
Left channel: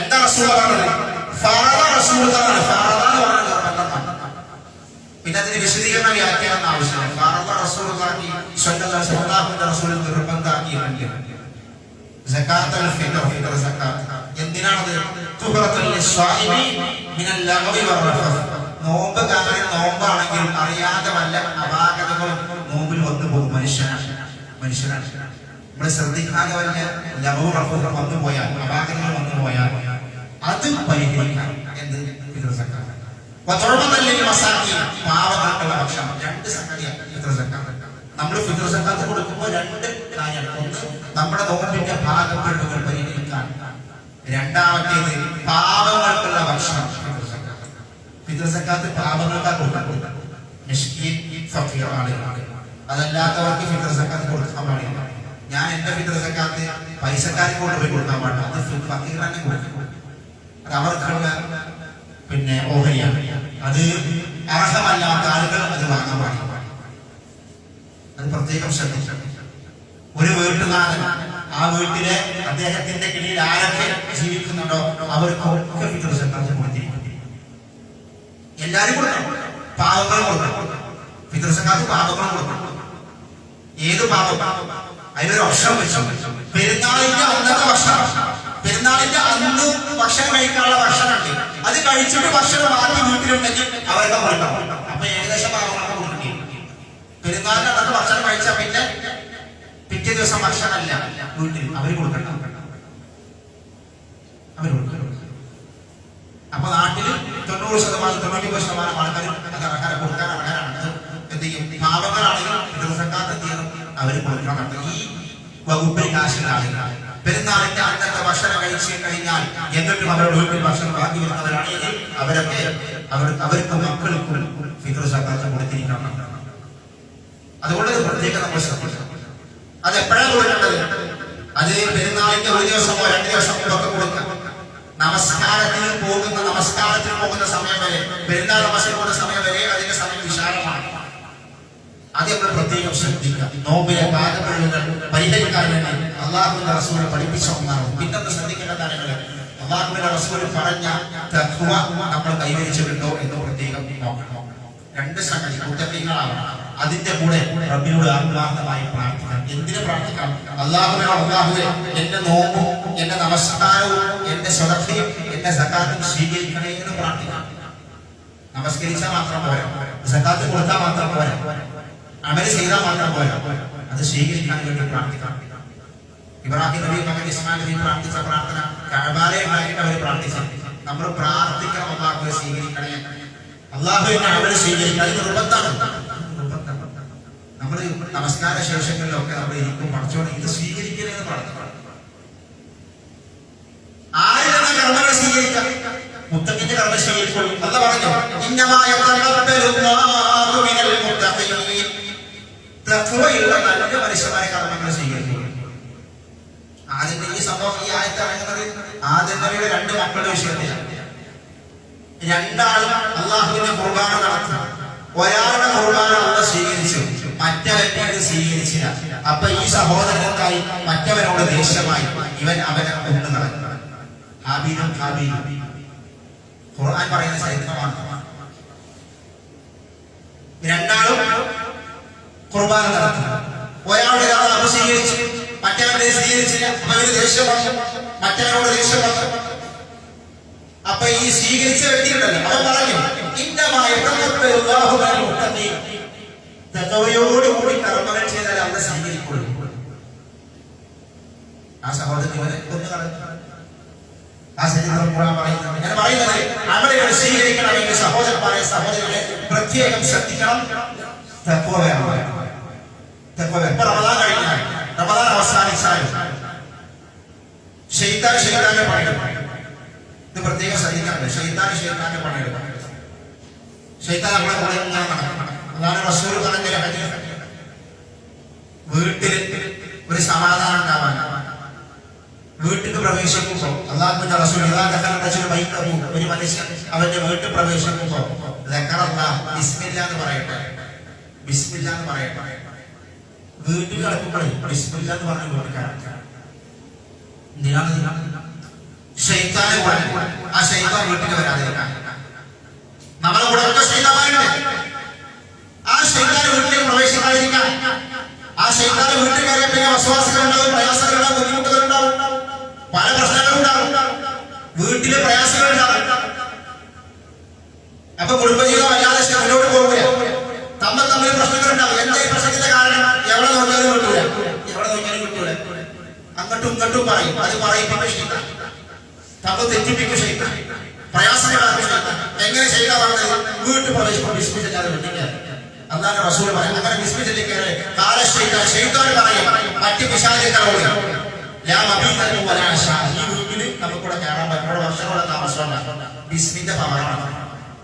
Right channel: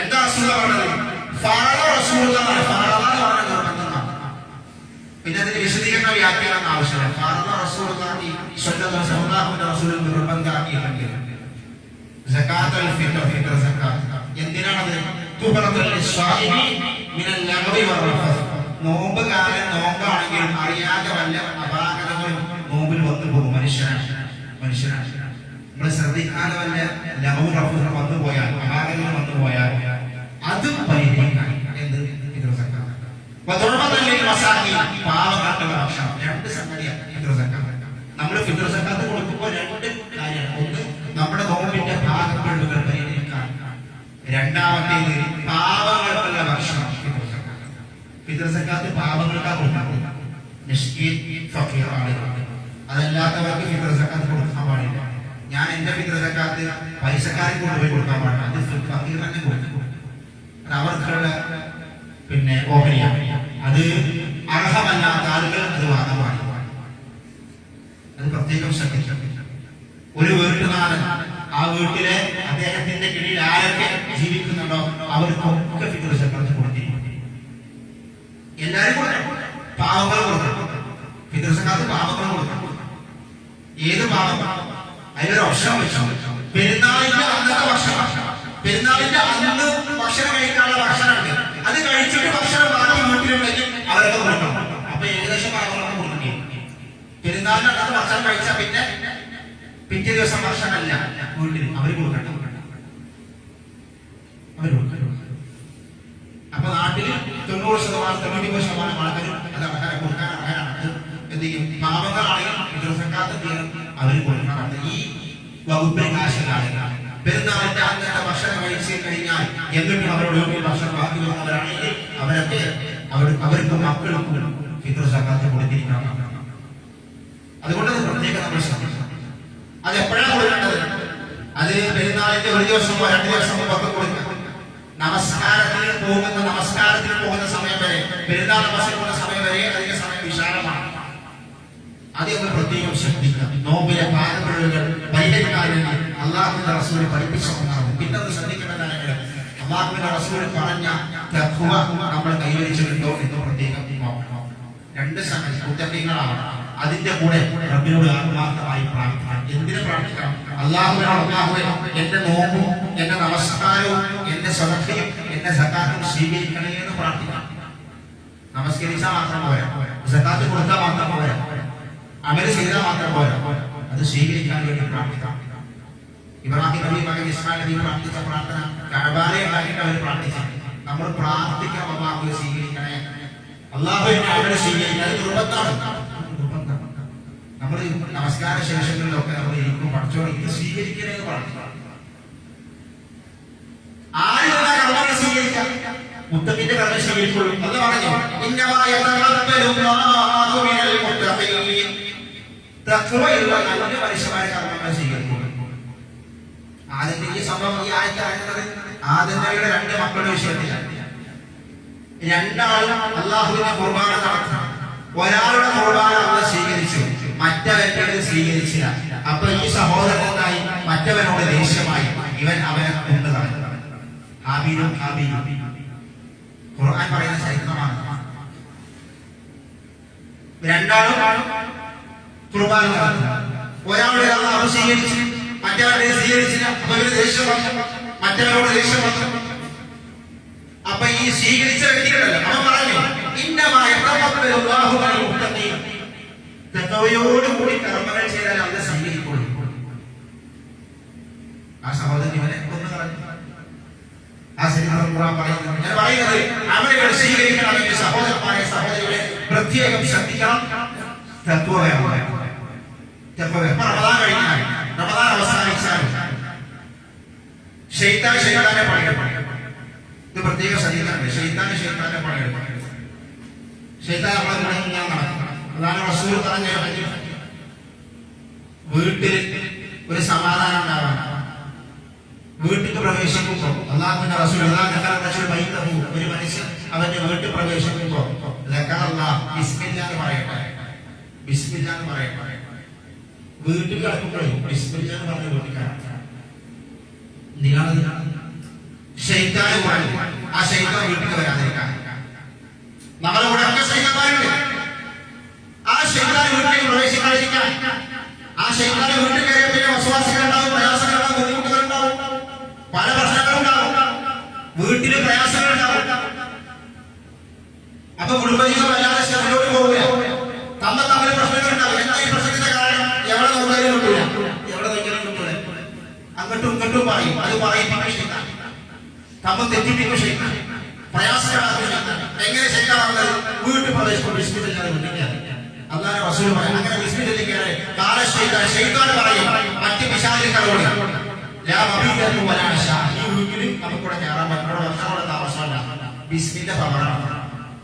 എന്താ റസൂൽ പറഞ്ഞത്? ഫറള റസൂൽ എന്നാണ്. ഫറള എന്ന് പറഞ്ഞ നിർബന്ധമാണ്. പിന്നെ അതിന് വിശദീകരണ വ്യാഖ്യാനം ആവശ്യമില്ല. ഫറള റസൂലുള്ളാഹി സ്വല്ലല്ലാഹു അലൈഹി വസല്ലം റസൂൽ നിർബന്ധമാക്കിയിട്ടുണ്ട് സക്കാത്തുൽ ഫിത്ർ, ഫിത്ർ സക്കാത്ത്. എന്തിനാണത്? തുഹറത്തുൽ ലിസ്വാഇമി മിനൽ ലഗ്വി വറഫസ്. നോമ്പുകാരൻ നോമ്പാണെങ്കിലും അറിയാതെ വല്ല അപാകതകളും നോമ്പിൽ വന്നു പോകും. മനുഷ്യനാണ്. നമ്മൾ ശ്രദ്ധിക്കാതെ വല്ല ലഗ്വു റഫസ് വന്നു പോയാൽ, അപാകതകൾ വന്നു പോയാൽ അത് പരിഹരിക്കാൻ എന്ത്? ഫിത്ർ സക്കാത്ത്. പാവങ്ങൾക്കുള്ള ഭക്ഷണം. 2 സംഗതിയാണ് ഫിത്ർ സക്കാത്ത്. നമ്മൾ ഫിത്ർ സക്കാത്ത് കൊടുക്കുമ്പോൾ 2 കാര്യമാണ്. ഒന്ന്, നമ്മുടെ നോമ്പിന്റെ ഭാഗപ്പെടുകൾ പരിഹരിക്കാൻ. രണ്ടാമത്തേത് പാവങ്ങൾക്കുള്ള ഭക്ഷണം. ഫിത്ർ സക്കാത്ത് പാവങ്ങൾക്കാ കൊടുക്കാൻ. മിസ്കീൻ, ഫഖീർ ആളുകൾ, അതല്ലാത്തവർക്ക് ഫിത്ർ സക്കാത്ത് കൊടുക്കാൻ പാടില്ല. ഞാൻ എന്റെ ഫിത്ർ സക്കാത്ത് പൈസക്കാരെ കൊണ്ടുപോയി കൊടുക്കാൻ പാടില്ല, അത് ഫഖീർ തന്നെ കൊടുക്കും. അത് അവർക്കുള്ള പിന്നെ ഓഹരിയാണ്. അത് അർഹമല്ലാത്ത ആളുകൾ അത് വാങ്ങാൻ പാടില്ല. അത് പ്രത്യേകം ശ്രദ്ധിക്കണം. ഒരു വീട്ടുകാരൻ, ആ വീട്ടിലെ അദ്ദേഹത്തിന്റെ കീഴിൽ ആരൊക്കെ ജീവിക്കുന്നുണ്ടോ അവർക്കൊക്കെ ഫിത്ർ സക്കാത്ത് കൊടുത്തിരിക്കും. എല്ലാരും കൊടുക്കണം. പാവങ്ങൾ കൊടുക്കണം. ഫിത്ർ സക്കാത്ത് പാവങ്ങൾ കൊടുക്കണം. ഏത് പാവം? അതിലൊരു ഭക്ഷണം വെച്ചു. പെരുന്നാളിന്റെ അന്നത്തെ ഭക്ഷണം, പെരുന്നാളിന്റെ അന്ന് ഭക്ഷണം കഴിക്കാനുള്ള ഭക്ഷണം ഉണ്ട്. അത് കഴിച്ചിട്ട് ഭക്ഷണം ബാക്കി വീട്ടിലുണ്ടെങ്കിൽ അവരൊക്കെ കൊടുക്കണം. അപ്പൊ ഏകദേശം പാവങ്ങളൊക്കെ കൊടുക്കേണ്ടി വരും. പെരുന്നാളിന്റെ അന്നത്തെ ഭക്ഷണം കഴിച്ചാൽ പിന്നെ പിറ്റേ ദിവസം ഭക്ഷണമല്ല വീട്ടിൽ, അവര് കൊടുക്കണം. അപ്പൊ നാട്ടില് 90%, 99% ആൾക്കാർ അത് ആഹാരം കൊടുക്കാൻ അർഹരാണ്. എന്ത് ചെയ്യും? പാവങ്ങളാണെങ്കിൽ ഫിത്ർ സക്കാത്ത് എന്ത് ചെയ്യണം? അവര് കൊടുക്കണം. ഈ വകുപ്പിൽ കാശുള്ള ആളുകളാണ്. പെരുന്നാളിന്റെ അന്നത്തെ ഭക്ഷണം കഴിച്ചു കഴിഞ്ഞാൽ എന്നിട്ടും അവരുടെ വീട്ടിൽ ഭക്ഷണം ബാക്കി വരുന്നവരാണെങ്കിൽ അവരൊക്കെ അവർക്ക് മക്കൾക്കും ഫിത്ർ സക്കാത്ത് കൊടുത്തിരിക്കണം. അതുകൊണ്ട് പ്രത്യേകം നമ്മൾ ശ്രദ്ധിക്കണം. അത് എപ്പോഴാണ് കൊടുക്കേണ്ടത്? അത് പെരുന്നാളിന്റെ 1 ദിവസമോ 2 ദിവസമോ ഒക്കെ കൊടുക്കാം. നമസ്കാരത്തിന് പോകുന്ന സമയം വരെ, പെരുന്നാൾ നമസ്കാരം പോകുന്ന സമയം വരെ അതിന്റെ സമയം വിശാലമാണ്. അത് നമ്മൾ പ്രത്യേകം ശ്രദ്ധിക്കാം. നോമ്പിലെ പാകപ്പിഴവുകൾ പരിഹരിക്കാൻ വേണ്ടി അള്ളാഹുവിന്റെ റസൂൽ പഠിപ്പിച്ചുകൊണ്ടാവും. പിന്നൊന്ന് ശ്രദ്ധിക്കേണ്ട കാര്യങ്ങൾ, അള്ളാഹുവിന്റെ റസൂൽ പറഞ്ഞ തഖ്വ നമ്മൾ കൈവരിച്ചിട്ടുണ്ടോ എന്ന് പ്രത്യേകം നോക്കണം. രണ്ട് സംഗതി മുത്തഖീങ്ങളാവണം. അതിന്റെ കൂടെ റബ്ബിനോട് ആത്മാർത്ഥമായി പ്രാർത്ഥിക്കണം. എന്തിനു പ്രാർത്ഥിക്കണം? അള്ളാഹുവിനോട്, അള്ളാഹുവേ എന്റെ നോമ്പും എന്റെ നമസ്കാരവും എന്റെ സ്വതക്കയും എന്റെ സകാത്തും സ്വീകരിക്കണേ എന്ന് പ്രാർത്ഥിക്കണം. നമസ്കരിച്ചാൽ മാത്രം പോരാ, സകാത്ത് കൊടുത്താൽ മാത്രം പോരാ, അമല് ചെയ്താൽ മാത്രം പോരാ, അത് സ്വീകരിക്കാൻ വേണ്ടി പ്രാർത്ഥിക്കണം. ഇബ്രാഹിം നബി മകൻ ഇസ്മായിൽ നബി പ്രാർത്ഥിച്ച പ്രാർത്ഥന കഅബയെ ഉണ്ടാക്കിയിട്ട് അവർ പ്രാർത്ഥിച്ചു. നമ്മൾ പ്രാർത്ഥിക്കണം, അള്ളാഹുവെ സ്വീകരിക്കണേ, അള്ളാഹുവിന്റെ അമല് സ്വീകരിക്കാൻ. ഇത് നിർബന്ധമാണ്. നമ്മൾ നമസ്കാര ശേഷങ്ങളിലൊക്കെ നമ്മൾ ഇരിക്കും, പഠിച്ചോളെ ഇത് സ്വീകരിക്കണേ എന്ന് പ്രാർത്ഥിക്കണം. ആരും കർമ്മങ്ങൾ സ്വീകരിക്കാം, മുത്തഖിന്റെ കർമ്മം സ്വീകരിക്കുള്ളൂ. അല്ല പറഞ്ഞു, തഖ്വയുള്ള നല്ല മനുഷ്യന്മാരെ കർമ്മങ്ങൾ സ്വീകരിക്കും. ആദ്യത്തെ ഈ സംഭവം, ഈ ആയത്ത് ഇറങ്ങുന്നത് ആദ്യം നബിയുടെ രണ്ട് മക്കളുടെ വിഷയത്തിലാണ്. രണ്ടാളും അള്ളാഹുവിന്റെ ഖുർബാന നടത്തണം. ഒരാളുടെ ഖുർബാന അള്ളാഹ് സ്വീകരിച്ചു, മറ്റവന്റെ സ്വീകരിച്ചില്ല. അപ്പൊ ഈ സഹോദരനായി മറ്റവനോട് ദേഷ്യമായി ഇവൻ അവനെ കൊണ്ടു നടന്നു. ഹാബീലും ഹാബീലും ഖുർആൻ പറയുന്ന ചരിത്രമാണ്. രണ്ടാളും ഖുർബാന നടത്തി. ഒരാളുടെ അള്ളാഹു സ്വീകരിച്ചു, മറ്റവന്റെ സ്വീകരിച്ചില്ല. അപ്പൊ ഇവന് ദേഷ്യം വന്നു, മറ്റവനോട് ദേഷ്യം വന്നു. അപ്പൊ ഈ സ്വീകരിച്ച വ്യക്തികളല്ല, അവൻ പറഞ്ഞു തഖ്വയോടുകൂടി കർമ്മങ്ങൾ ചെയ്താൽ അവനെ സ്വീകരിക്കുള്ളൂ. ആ സഹോദരൻ ഇവനെ കൊന്നു കളഞ്ഞു. ആ ചരിത്രം ഖുർആൻ പറയുന്നത്. ഞാൻ പറയുന്നത് അമലുകൾ സ്വീകരിക്കണമെങ്കിൽ സഹോദരന്മാരെ സഹോദരികളെ പ്രത്യേകം ശ്രദ്ധിക്കണം. തഖ്വ വേണം. ഇപ്പൊ റമദാൻ കഴിഞ്ഞാൽ, റമദാൻ അവസാനിച്ചാലും ശൈത്താന്റെ പണിയെടുക്കും. ഇത് പ്രത്യേകം ശ്രദ്ധിക്കാറുണ്ട്. ശൈത്താന്റെ പണിയെടുക്കും. ശൈത്താൻ നമ്മളെ കൂടെ ഇങ്ങനെ നടക്കണം. അതാണ് റസൂൽ പറഞ്ഞ വീട്ടിൽ ഒരു സമാധാനം ഉണ്ടാവാൻ, വീട്ടിൽ പ്രവേശിക്കുമ്പോൾ അള്ളാഹുവിന്റെ റസൂൽ ഒരു മനുഷ്യൻ അവന്റെ വീട്ടിൽ പ്രവേശിക്കുമ്പോൾ ബിസ്മില്ല എന്ന് പറയട്ടെ, ബിസ്മില്ല എന്ന് പറയട്ടെ. വീട്ടിൽ കിടക്കുമ്പോഴേ ബിസ്മില്ല എന്ന് പറഞ്ഞ വീട്ടുകാരാണ്. ശൈത്താന് ആ ശൈത്താൻ വീട്ടിൽ വരാതിരിക്കാൻ. നമ്മളെ കൂടെ ഒക്കെ ശൈത്താന്മാരുണ്ട്. ആ ശൈത്താൻ വീട്ടിൽ പ്രവേശിക്കാതിരിക്കാൻ. ആ ശൈത്താൻ വീട്ടിൽ കയറിയ പിന്നെ വസ്വാസികളുണ്ടാവും, പ്രയാസങ്ങളുണ്ടാവും, ബുദ്ധിമുട്ടുകളുണ്ടാവും, പല പ്രശ്നങ്ങളുണ്ടാവും, വീട്ടിലെ പ്രയാസങ്ങളുണ്ടാവും. അപ്പൊ കുടുംബജീവിതം അല്ലാതെ മുന്നോട്ട് പോവുക, തമ്മിൽ പ്രശ്നങ്ങളുണ്ടാവും. എന്താ ഈ പ്രശ്നത്തിന്റെ കാരണം? എവിടെ നോക്കിയാലും കിട്ടൂല, എവിടെ നോക്കിയാലും കിട്ടൂല. അങ്ങോട്ടും ഇങ്ങോട്ടും പറയും, അത് പറയിപ്പിക്കും ശൈത്താൻ, തമ്മിൽ തെറ്റിപ്പിക്കും ശൈത്താൻ, പ്രയാസങ്ങളാക്കും ശൈത്താൻ. എങ്ങനെ ശൈത്താൻ പറഞ്ഞത്? വീട്ടിൽ പ്രവേശിക്കും ബിസ്മില്ലാതെ വീട്ടിൽ. അല്ലാതെ റസൂൽ പറയാം, അങ്ങനെ ബിസ്മില്ലാതെ കയറി കാല ശൈത്താൻ, ശൈത്താൻ പറയും മറ്റ് പിശാചുക്കളോട്, ഈ വീട്ടിൽ നമുക്കൂടെ കയറാൻ പറ്റും, വർഷങ്ങളുടെ താമസമല്ല. ബിസ്മിന്റെ പവറാണ്,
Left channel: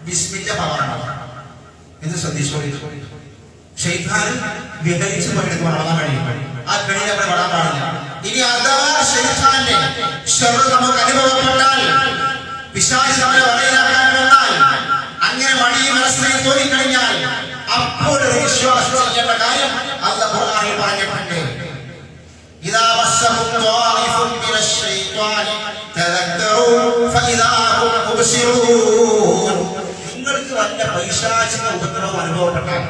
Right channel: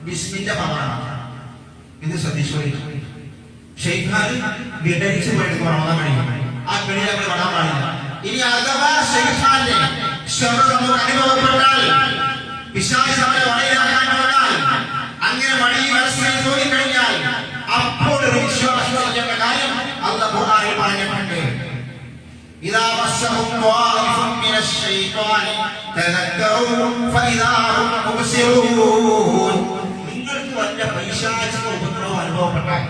ബിസ്മിന്റെ പവറാണ്. ഇത് ശ്രദ്ധിച്ചോളി. ശൈത്താൻ വിഹരിച്ചു പോയിട്ട് റമദാൻ കഴിയും. ആ കെണി നമ്മൾ വിടാൻ പാടില്ല. ഇനി അഥവാ ശൈത്താന്റെ ശബ്ദം നമുക്ക് അനുഭവപ്പെട്ടാൽ, പിശാച് നമ്മളെ വഴിയിലാക്കാൻ വന്നാൽ, അങ്ങനെ വഴി മനസ്സിൽ തോന്നിക്കഴിഞ്ഞാൽ അപ്പോൾ ഒരു വിശ്വാസം ചെയ്യേണ്ട കാര്യം അല്ലാഹു ഖുർആനിൽ പറഞ്ഞിട്ടുണ്ട്. ഇദാ മസ്സഹും ത്വായിഫുൻ മിനശ് ശൈത്വാനി തദക്കറൂ ഫഇദാ ഹും മുബ്സിറൂൻ. നിങ്ങൾക്ക് വല്ല പൈശാചിക ഉപദ്രവം അനുഭവപ്പെട്ടാൽ,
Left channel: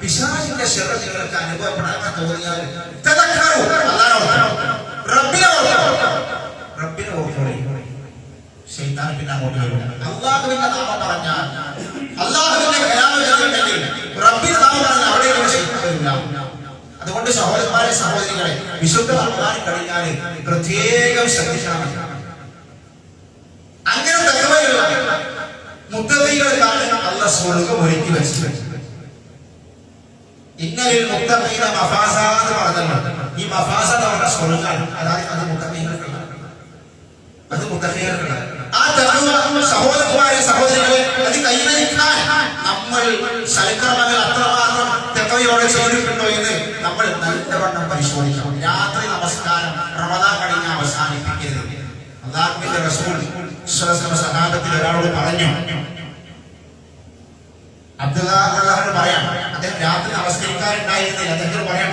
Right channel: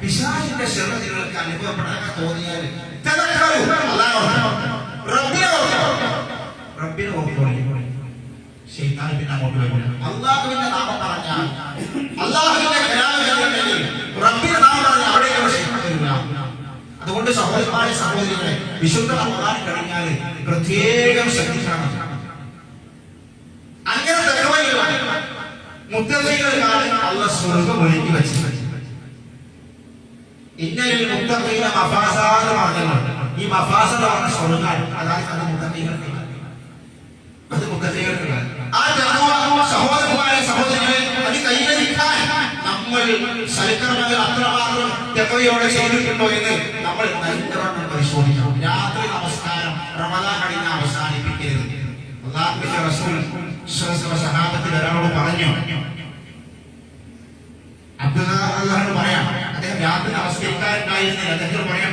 പിശാചിന്റെ ശബ്ദം നിങ്ങൾക്ക് അനുഭവപ്പെടാൻ തോന്നിയാൽ തദക്കറൂ, റബ്ബിനെ ഓർത്തോളി. ശൈത്താൻ പിന്നെ അങ്ങോട്ട് വരില്ല. അല്ലാഹുവിന്റെ നാമം പറഞ്ഞാൽ, അല്ലാഹുവിന്റെ കലാമില്ലെങ്കിൽ റബ്ബിന്റെ നാമം പറഞ്ഞാൽ അവിടേക്ക് ശൈത്താൻ വരില്ല. അതുകൊണ്ട് സഹോദരന്മാരെ സഹോദരികളെ, വിശുദ്ധ റമദാൻ കഴിഞ്ഞാൽ പ്രത്യേകം ശ്രദ്ധിക്കണം. അങ്ങനെ തഖ്വയുള്ള മുത്തഖീകൾക്കാണ് അല്ലാഹ് സ്വർഗ്ഗം ഒരുക്കി വെച്ചത്. ഇന്നലിൽ മുത്തഖീന മഫാസാദ് പറഞ്ഞിട്ടുണ്ട്. ഈ മഫാസദ് പറഞ്ഞ സ്വർഗ്ഗമാണ്. അതായത് അത് മുത്തഖീകൾക്കാണ്, അത് മുത്തഖീകൾക്കാണ്. ആ തഖ്വ സഹോദരന്മാരെ സഹോദരികളെ അത് കൈവരിക്കാൻ നമ്മൾ സൽക്കർമ്മങ്ങൾ അത്രമാത്രം തഖ്വയോടെ ചെയ്തിട്ടുണ്ടോ എന്ന് നമ്മൾ നല്ലവണ്ണം പരിശോധിക്കണം. രാത്രി നമസ്കാരം റമദാൻ കഴിഞ്ഞ് അവസാനിപ്പിക്കരുത്. അല്ലാഹു അള്ളാഹുവിന്റെ റസൂൽ സഹാബത്തിൽ ഒരാളോട് പറഞ്ഞു, അബ്ദുല്ലാഹ് പറയാം, അദ്ദേഹം രാത്രി നമസ്കരിക്കാറുണ്ടായിരുന്നില്ല. അദ്ദേഹം പറയാം,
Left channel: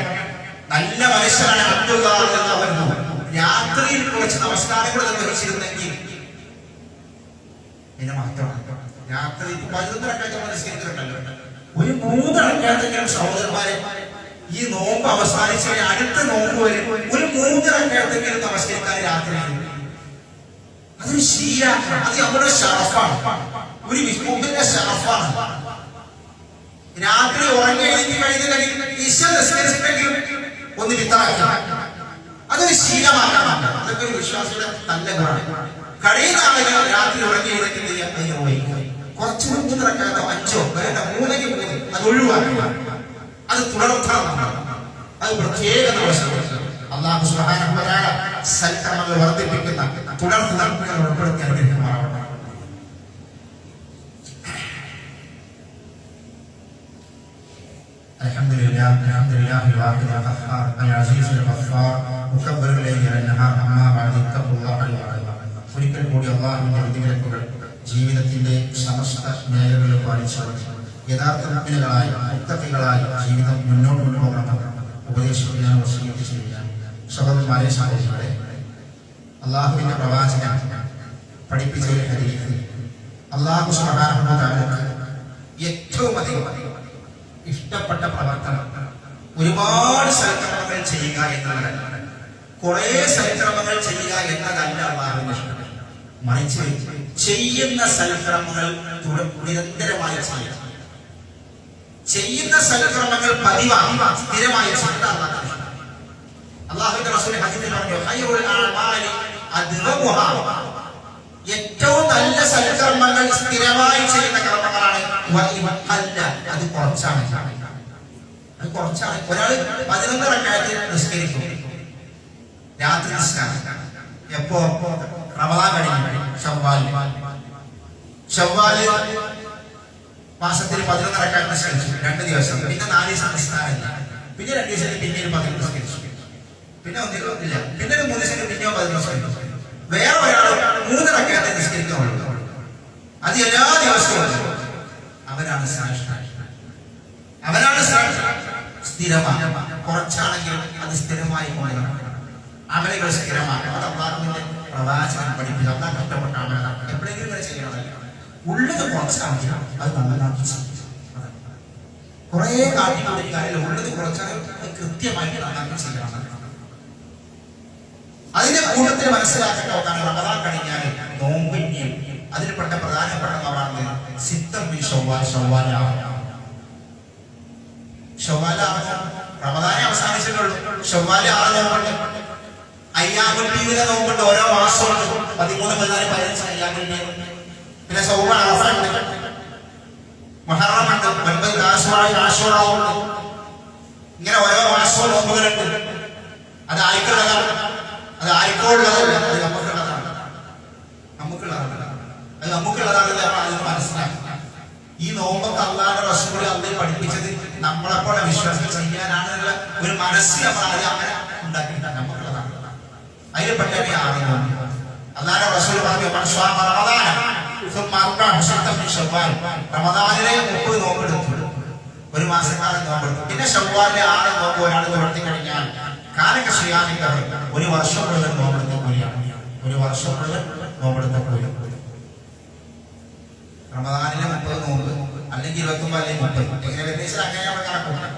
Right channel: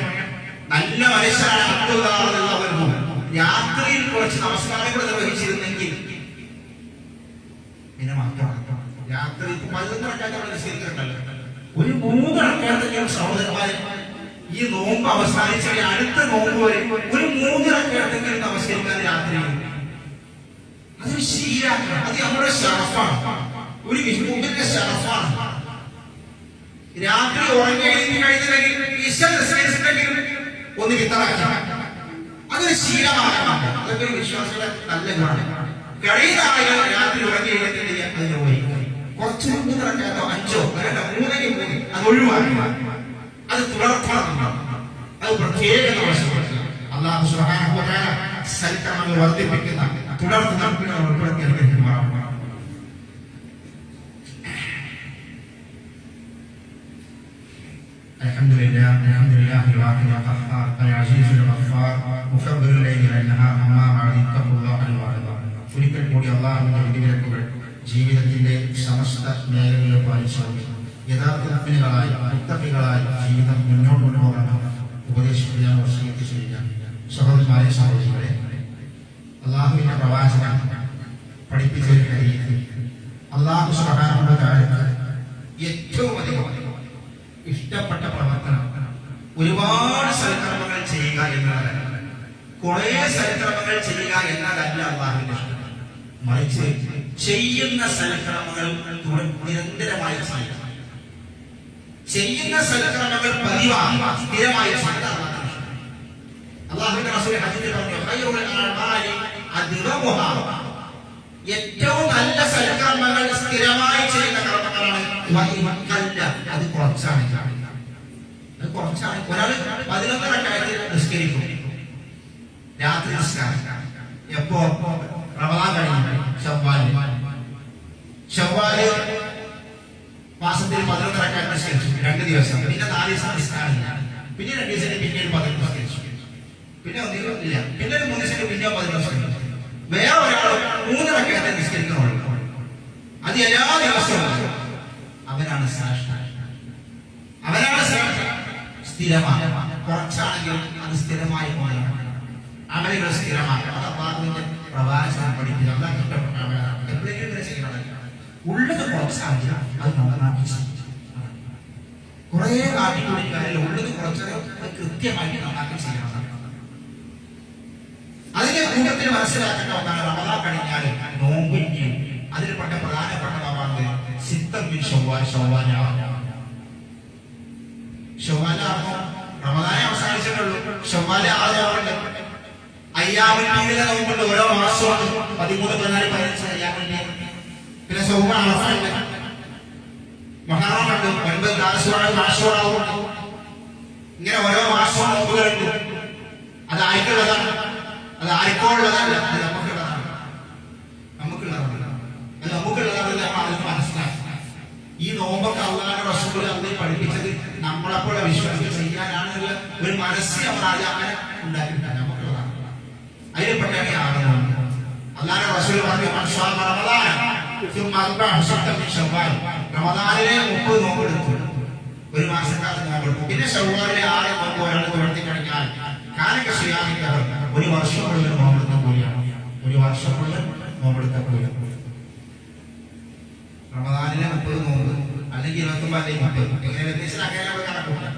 നല്ല മനുഷ്യനാണ് അബ്ദുല്ലാഹ്, രാത്രിയിൽ കുറച്ച് നമസ്കാരങ്ങൾ നിർവഹിച്ചിരുന്നെങ്കിൽ പിന്നെ മാത്രമാണ്. രാത്രി 11 റക്അത്ത് നമസ്കരിക്കുന്നുണ്ടല്ലോ, ഒരു 3 റക്അത്തെങ്കിലും സഹോദരന്മാരെ ഈ നോമ്പ് അവസാനിച്ച അടുത്ത നോമ്പ് വരെ ഒരു 3 റക്അത്തെങ്കിലും നമസ്കരിക്കാൻ രാത്രി. അതൊരു ശീലമാണ്, അത് നമ്മുടെ ഷറഫാണ്, ഒരു വിഷ്ണുവിന്റെ ഷറഫാണ്. രാത്രി ഉറങ്ങി എഴുതി കഴിഞ്ഞില്ലെങ്കിൽ ഇശ നിസ്കരിച്ചിട്ടെങ്കിലും ഒന്ന് വിത്തറാക്കാം, അതൊരു ശീലമാക്കാം. അതൊക്കെ ഒരു വിശ്വാസിയുടെ നല്ല ഗുണമാണ്. കഴിയുന്ന ആളുകൾ രാത്രി ഉറങ്ങി എഴുതിയിട്ടില്ല, അത് നിർവഹിക്കുക. കുറച്ച് 3 റക്അത്തോ 5ഓ വേണ്ട, 3 അത് ഒഴിവാക്കുക, അത് തുടർത്തണം. അത് പ്രത്യേകം നമ്മൾ ശ്രദ്ധിക്കുക. അല്ലാഹു സുബ്ഹാനഹു വ തആല സൽക്കർമ്മങ്ങൾ വർദ്ധിപ്പിക്കുന്ന തുടർന്ന് ഉൾപ്പെടുത്തി അനുഗ്രഹിക്കുമാറാവട്ടെ. الحمد لله الواحد القهار العزيز الغفار مكبر الليل والنهار أما بعد اتقوا الله ഒരിക്കൽ കൂടി അല്ലാഹുവിന്റെ വിധിവിലക്കുകൾ ജീവിതത്തിന്റെ സമസ്ത മേഖലകളിൽ പാലിച്ചു യഥാർത്ഥ മുഅ്മിനുകളായി മുത്തഖികളായി ജീവിതം മുന്നോട്ട് കൊണ്ടുപോകണമെന്ന് ഉപദേശിക്കാൻ വസിയത്ത് ചെയ്യാം. സഹോദരന്മാരെ, സഹോദരികളെ, അല്ലാഹുവിന്റെ പ്രവാചകൻ പഠിപ്പിച്ച ഒരു ഹദീസ്, അല്ലാഹു സുബ്ഹാനഹു വ തആലക്ക് ഏറ്റവും അധികം ഇഷ്ടപ്പെട്ട പ്രവർത്തനം ഒരുപാട് സൽക്കർമ്മങ്ങൾ ചെയ്യുക എന്നതല്ല, കുറെ സൽക്കർമ്മങ്ങൾ ചെയ്യുക എന്നതല്ല അല്ലാഹുവിന്റെ ഇഷ്ടം. മറിച്ച് ചെയ്യുന്ന സൽക്കർമ്മങ്ങൾ നിരന്തരമായി ചെയ്യുക, ചെയ്യുന്ന സൽക്കർമ്മങ്ങൾ പതിവായി സ്ഥിരമായി ചെയ്യുന്നതാണ് അല്ലാഹുവിന്റെ റസൂൽ ഹദീസിൽ പറഞ്ഞു, ഖൈറുൽ അഅമാലി അദ്വമുഹാ, ഏറ്റവും നല്ല സൽക്കർമ്മങ്ങൾ സ്ഥിരമായി ചെയ്യുന്ന കർമ്മങ്ങളാണ്. അത് കുറച്ചാണ്, അത് കുറച്ചാണ്. ഒരാൾ 11 റക്അത്ത് നിസ്കരിക്കും, രാത്രി നിസ്കാരം എപ്പോ? റമദാൻ കഴിഞ്ഞു, ശവ്വാല് മാസത്തിൽ 11 റക്അത്ത് നിസ്കരിച്ചു 2 ദിവസം, പിന്നെ 4 ദിവസം നിസ്കാരമില്ല, പിന്നെ 2 ദിവസം പിന്നീട് 11 നിസ്കരിച്ചു, പിന്നെ ഒന്നിലും ഇല്ല, പിന്നെ 3 ദിവസം പിന്നെയോ 11 നിസ്കരിച്ചു. വേറെ ഒരാൾ 3 റക്അത്ത് നിസ്കരിക്കുന്നുള്ളൂ, അത് എല്ലാ ദിവസവും. അവനാണ് ശ്രേഷ്ഠ, അവനാണ് ശ്രേഷ്ഠ. സ്ഥിരമാണ്, കുറച്ചാണെങ്കിലും അത് സ്ഥിരമായി കൊണ്ടുവരണം. അമലുകൾ സ്ഥിരമാക്കണം. അത് അല്ലാഹുവിന്റെ പ്രവാചകൻ പഠിപ്പിച്ചു. അല്ലാഹ് കഷ്ടപ്പെട്ട അമലാണ്, എപ്പോഴെങ്കിലും ഇങ്ങനെ ചെയ്യണമല്ല. ഉള്ളത് കുറച്ചാണെങ്കിൽ അത് നന്നാക്കി കുറെ കാട്ടിക്കൂടിയ കാര്യം ഉള്ളത് കുറച്ചാൽ അത് കൃത്യമായി നന്നാക്കി ചെയ്യണം. അതിന്റെ കൂട്ടത്തിൽ മനസ്സിലാക്കേണ്ട ഒന്നാണ് റമദാൻ കഴിഞ്ഞാൽ നോമ്പ്. അതിൽപ്പെട്ട പ്രധാനപ്പെട്ട നോമ്പാണ് സിത്തം മിൻ ശവ്വാൽ. ശവ്വാൽ റമദാനെ അവസാനിച്ചിട്ടുള്ളൂ, ശവ്വാൽ 6 നോമ്പുണ്ട്. അയ്യാമുൽ ബീദിലെ നോമ്പുണ്ട്, ഓരോ മാസവും 13, 14, 15 അയ്യാമുൽ ബീദ്. പിന്നെ സൗമ അറഫ ഉണ്ട്, മുഹറം ഉണ്ട്, 9 ആശൂറ ഉണ്ട്. ഇങ്ങനെ ഓരോ മാസവും നോമ്പുകളുണ്ട്. അത് ആർക്കുള്ളതാണ്? അത് ആർക്കുള്ളതല്ല, അത് നമുക്കുള്ളതാണ്. അത് നമുക്കുള്ളതാണ്. അത് മനസ്സിലാക്കുക. ഈ നോമ്പൊക്കെ അല്ലാഹുവിന്റെ റസൂൽ അള്ളാഹു പഠിപ്പിച്ചത് നമ്മളെപ്പോലെ വിശ്വാസം ചെയ്യാനാണെന്നുള്ള ഒരു മനസ്സ് നമ്മൾ ആദ്യം അങ്ങനെ ഉണ്ടാക്കിയിട്ടാണ്. നമുക്കുള്ളതാണ്. അതിൽ പെട്ടെന്നാണ് അല്ലാഹുവിന്റെ റസൂൽ പറഞ്ഞു, റമദാനിലെ 30 നോമ്പെടുത്തു, ഒരു മാസക്കാലം നോമ്പെടുത്തു. പിന്നെ ശവ്വാലിലെ 6 നോമ്പ് ഒരാൾ തുടർത്തി കഴിഞ്ഞാൽ കാലൊക്കെ ചെയ്യാമില്ലവർ 1 വർഷം മുഴുവൻ നോമ്പെടുത്ത കൂലിയാണ്. 1 വർഷം മുഴുവൻ നോമ്പെടുത്ത കൂലി. റമദാനിലെ 30 നോമ്പ് അല്ലെങ്കിൽ 29 അല്ലെങ്കിൽ 30 ഇങ്ങനെ വ്യത്യാസം അങ്ങനെ നമ്മൾ കണക്കൂട്ടാം.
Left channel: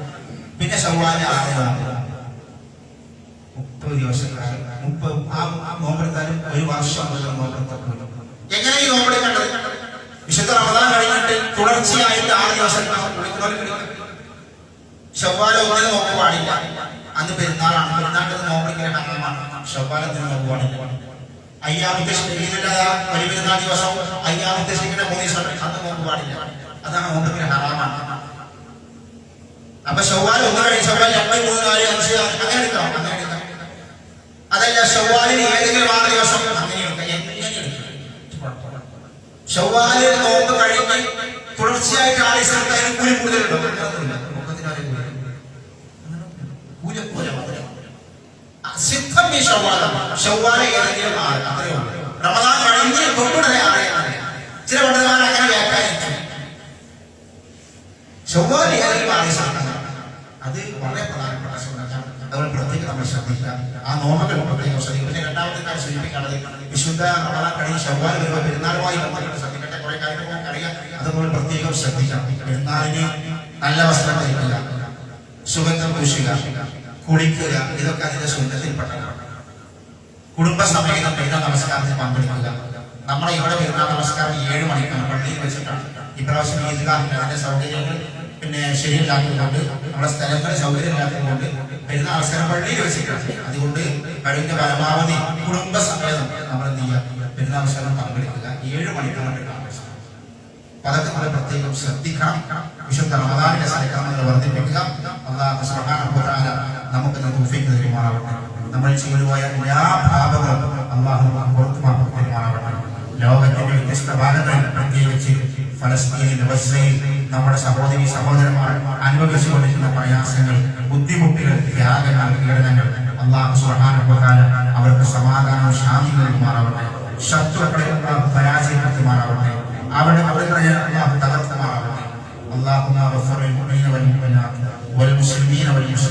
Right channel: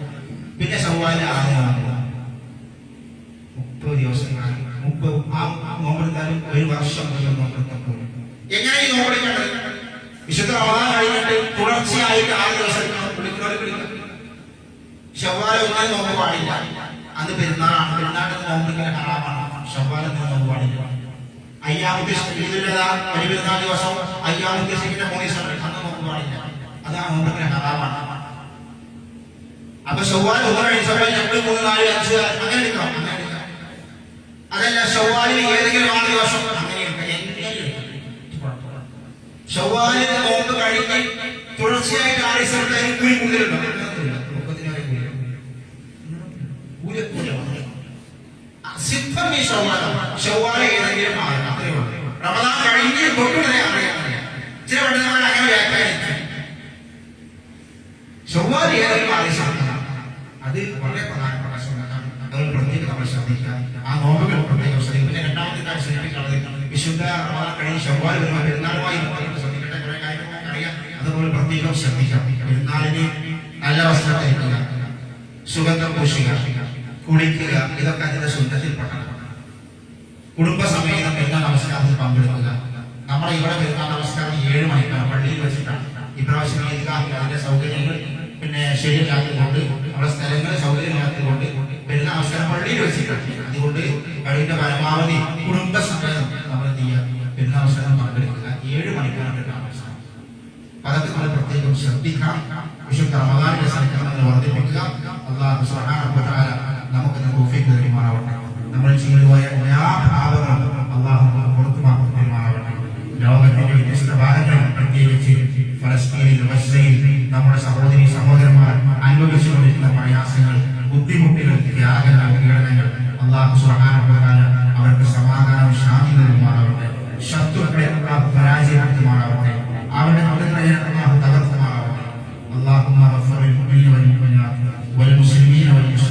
പിന്നെ ശവ്വാലിലെ 6 നോമ്പ് 30 ദിവസം 30 ആ നോമ്പെടുത്താലും 1 വർഷം മുഴുവൻ നോമ്പെടുത്ത കൂലി. എങ്ങനെ ഈ നോമ്പെടുക്കേണ്ടത്? വിശുദ്ധ റമദാൻ കഴിഞ്ഞിട്ട് തുടർച്ചയായിട്ട് 6 ദിവസം ശവ്വാൽ 1 നോമ്പ് പാടില്ല. അന്ന് പെരുന്നാളാണ്, പെരുന്നാളിന് നോമ്പെടുക്കൽ ഹറാമാണ്. ശവ്വാലത്തിന് നോമ്പ് പാടില്ല. അയ്യാമത്തെ വലിയ പെരുന്നാൾ ദിവസം അയ്യാമത്തെ ശരിക്കുന്ന 3 ദിവസം അന്ന് നോമ്പ് പാടില്ല. അതാണ് നോമ്പെടുക്കൽ ഹറാമാണ്. അപ്പൊ ശവ്വാൽ 1 കഴിഞ്ഞ് ശവ്വാൽ 2, 3, 4, 5 അങ്ങനെ എടുക്കാം, അങ്ങനെ എടുക്കാം. അതല്ല ശവ്വാലിൽ ഏതെങ്കിലും 6 ദിവസം അങ്ങനെ എടുക്കാം, എങ്ങനെ എടുക്കാം. ശവ്വാലിൽ നോമ്പ് കഴിഞ്ഞ് തുടർച്ചയായിട്ട് 6 ദിവസം അതിന് കൂലി കൂടുതലുണ്ടോ? ശവ്വാല് ഏതെങ്കിലും 6 അത്രയേ ഉള്ളൂ. റമദാൻ കഴിഞ്ഞ് തൊട്ടുടനെ അറിയാം. ചില പണ്ഡിതന്മാർ അങ്ങനെ വ്യാഖ്യാനിച്ചു. ശവ്വാൽ ഏതൊരു ആദേശമാണ്, അത് വളരെ പ്രധാനപ്പെട്ട സുന്നത്താണ്. അതുകൊണ്ട് പ്രത്യേകം നമ്മൾ ശ്രദ്ധിക്കുക. ആ നോമ്പുകൾ പ്രത്യേകം ശ്രദ്ധിക്കുക. പിന്നെ രണ്ടാമത്തെ കാര്യം സൂചിപ്പിക്കാനുള്ളത്, വിശുദ്ധ റമദാൻ കഴിഞ്ഞ് ശവ്വാൽ വരുമ്പോൾ പെരുന്നാളുമായി ബന്ധപ്പെട്ട് ശ്രദ്ധിക്കേണ്ട കുറെ കാര്യങ്ങൾ നമുക്കറിയാം. അതുപോലെ പ്രത്യേകം ശ്രദ്ധിക്കാം. പെരുന്നാളിന് നല്ല വസ്ത്രം ധരിക്കുക, സുഗന്ധം പൂശുക, കുളിക്കുക, ഇതൊക്കെ അതിന്റെ സുന്നത്തിൽപ്പെട്ടതാണ്. കുടുംബസമേതം പെരുന്നാൾ നമസ്കാരത്തിൽ പങ്കെടുക്കുക. നമ്മുടെ ഇവിടെ പെരുന്നാൾ നമസ്കാരം 7 മണിക്കാണ്, പള്ളിയിൽ വെച്ചിട്ടാണ്. ഇപ്രാവശ്യം ഈദ്ഗാഹിൽ അതിന്റെ സൗകര്യങ്ങൾ പിന്നെ ശരിയില്ലാത്തതുകൊണ്ട്, നമ്മുടെ സ്ഥലങ്ങൾ സൗകര്യമില്ലാത്തതുകൊണ്ട് പെരുന്നാൾ നമസ്കാരം പള്ളിയിൽ വെച്ചിട്ടാണ്. അതുകൊണ്ട് കഴിവിന്റെ പരമാവധി കുടുംബസമേതം നമ്മൾ എന്ത് ചെയ്യുക, പെരുന്നാൾ നമസ്കാരം പങ്കെടുക്കുക. 7 മണിക്കാണ് പെരുന്നാൾ നമസ്കാരം. അതൊക്കെ നമ്മൾ പ്രത്യേകം ശ്രദ്ധിക്കണം. വിശുദ്ധ റമദാനിലെ സൽക്കർമ്മങ്ങൾ വർദ്ധിപ്പിക്കുക. അല്ലാഹു സുബ്ഹാനഹു വ തആല നമുക്ക് തൗഫീഖ് നൽകുമാറാവട്ടെ. നമ്മൾ ചെയ്തുപോയ എല്ലാ പാപങ്ങളും അല്ലാഹു നമുക്ക് പുറത്തുമാക്കി തരുമാറാവട്ടെ. ലോകത്തിന്റെ വ്യത്യസ്ത ഭാഗങ്ങളിൽ, പ്രത്യേകിച്ച് ഫലസ്തീനിൽ, ഗസയിൽ നമ്മുടെ സഹോദരി സഹോദരന്മാർ അനുഭവിച്ചുകൊണ്ടിരിക്കുന്ന പ്രയാസങ്ങൾ, ബുദ്ധിമുട്ടുകൾ, ത്യാഗങ്ങൾ, പീഡനങ്ങൾ, അല്ലാഹു സുബ്ഹാനഹു വ തആല അവർക്ക് സമാധാനവും ശാന്തി നൽകുമാറാവട്ടെ. ശത്രുക്കളെ അല്ലാഹു പരാജയപ്പെടുത്തുമാറാവട്ടെ. അവരുടെ പ്രവർത്തനങ്ങളെ അല്ലാഹു തകർക്കുമാറാവട്ടെ. اللهم اغفر للمؤمنين والمؤمنات والمسلمين والمسلمات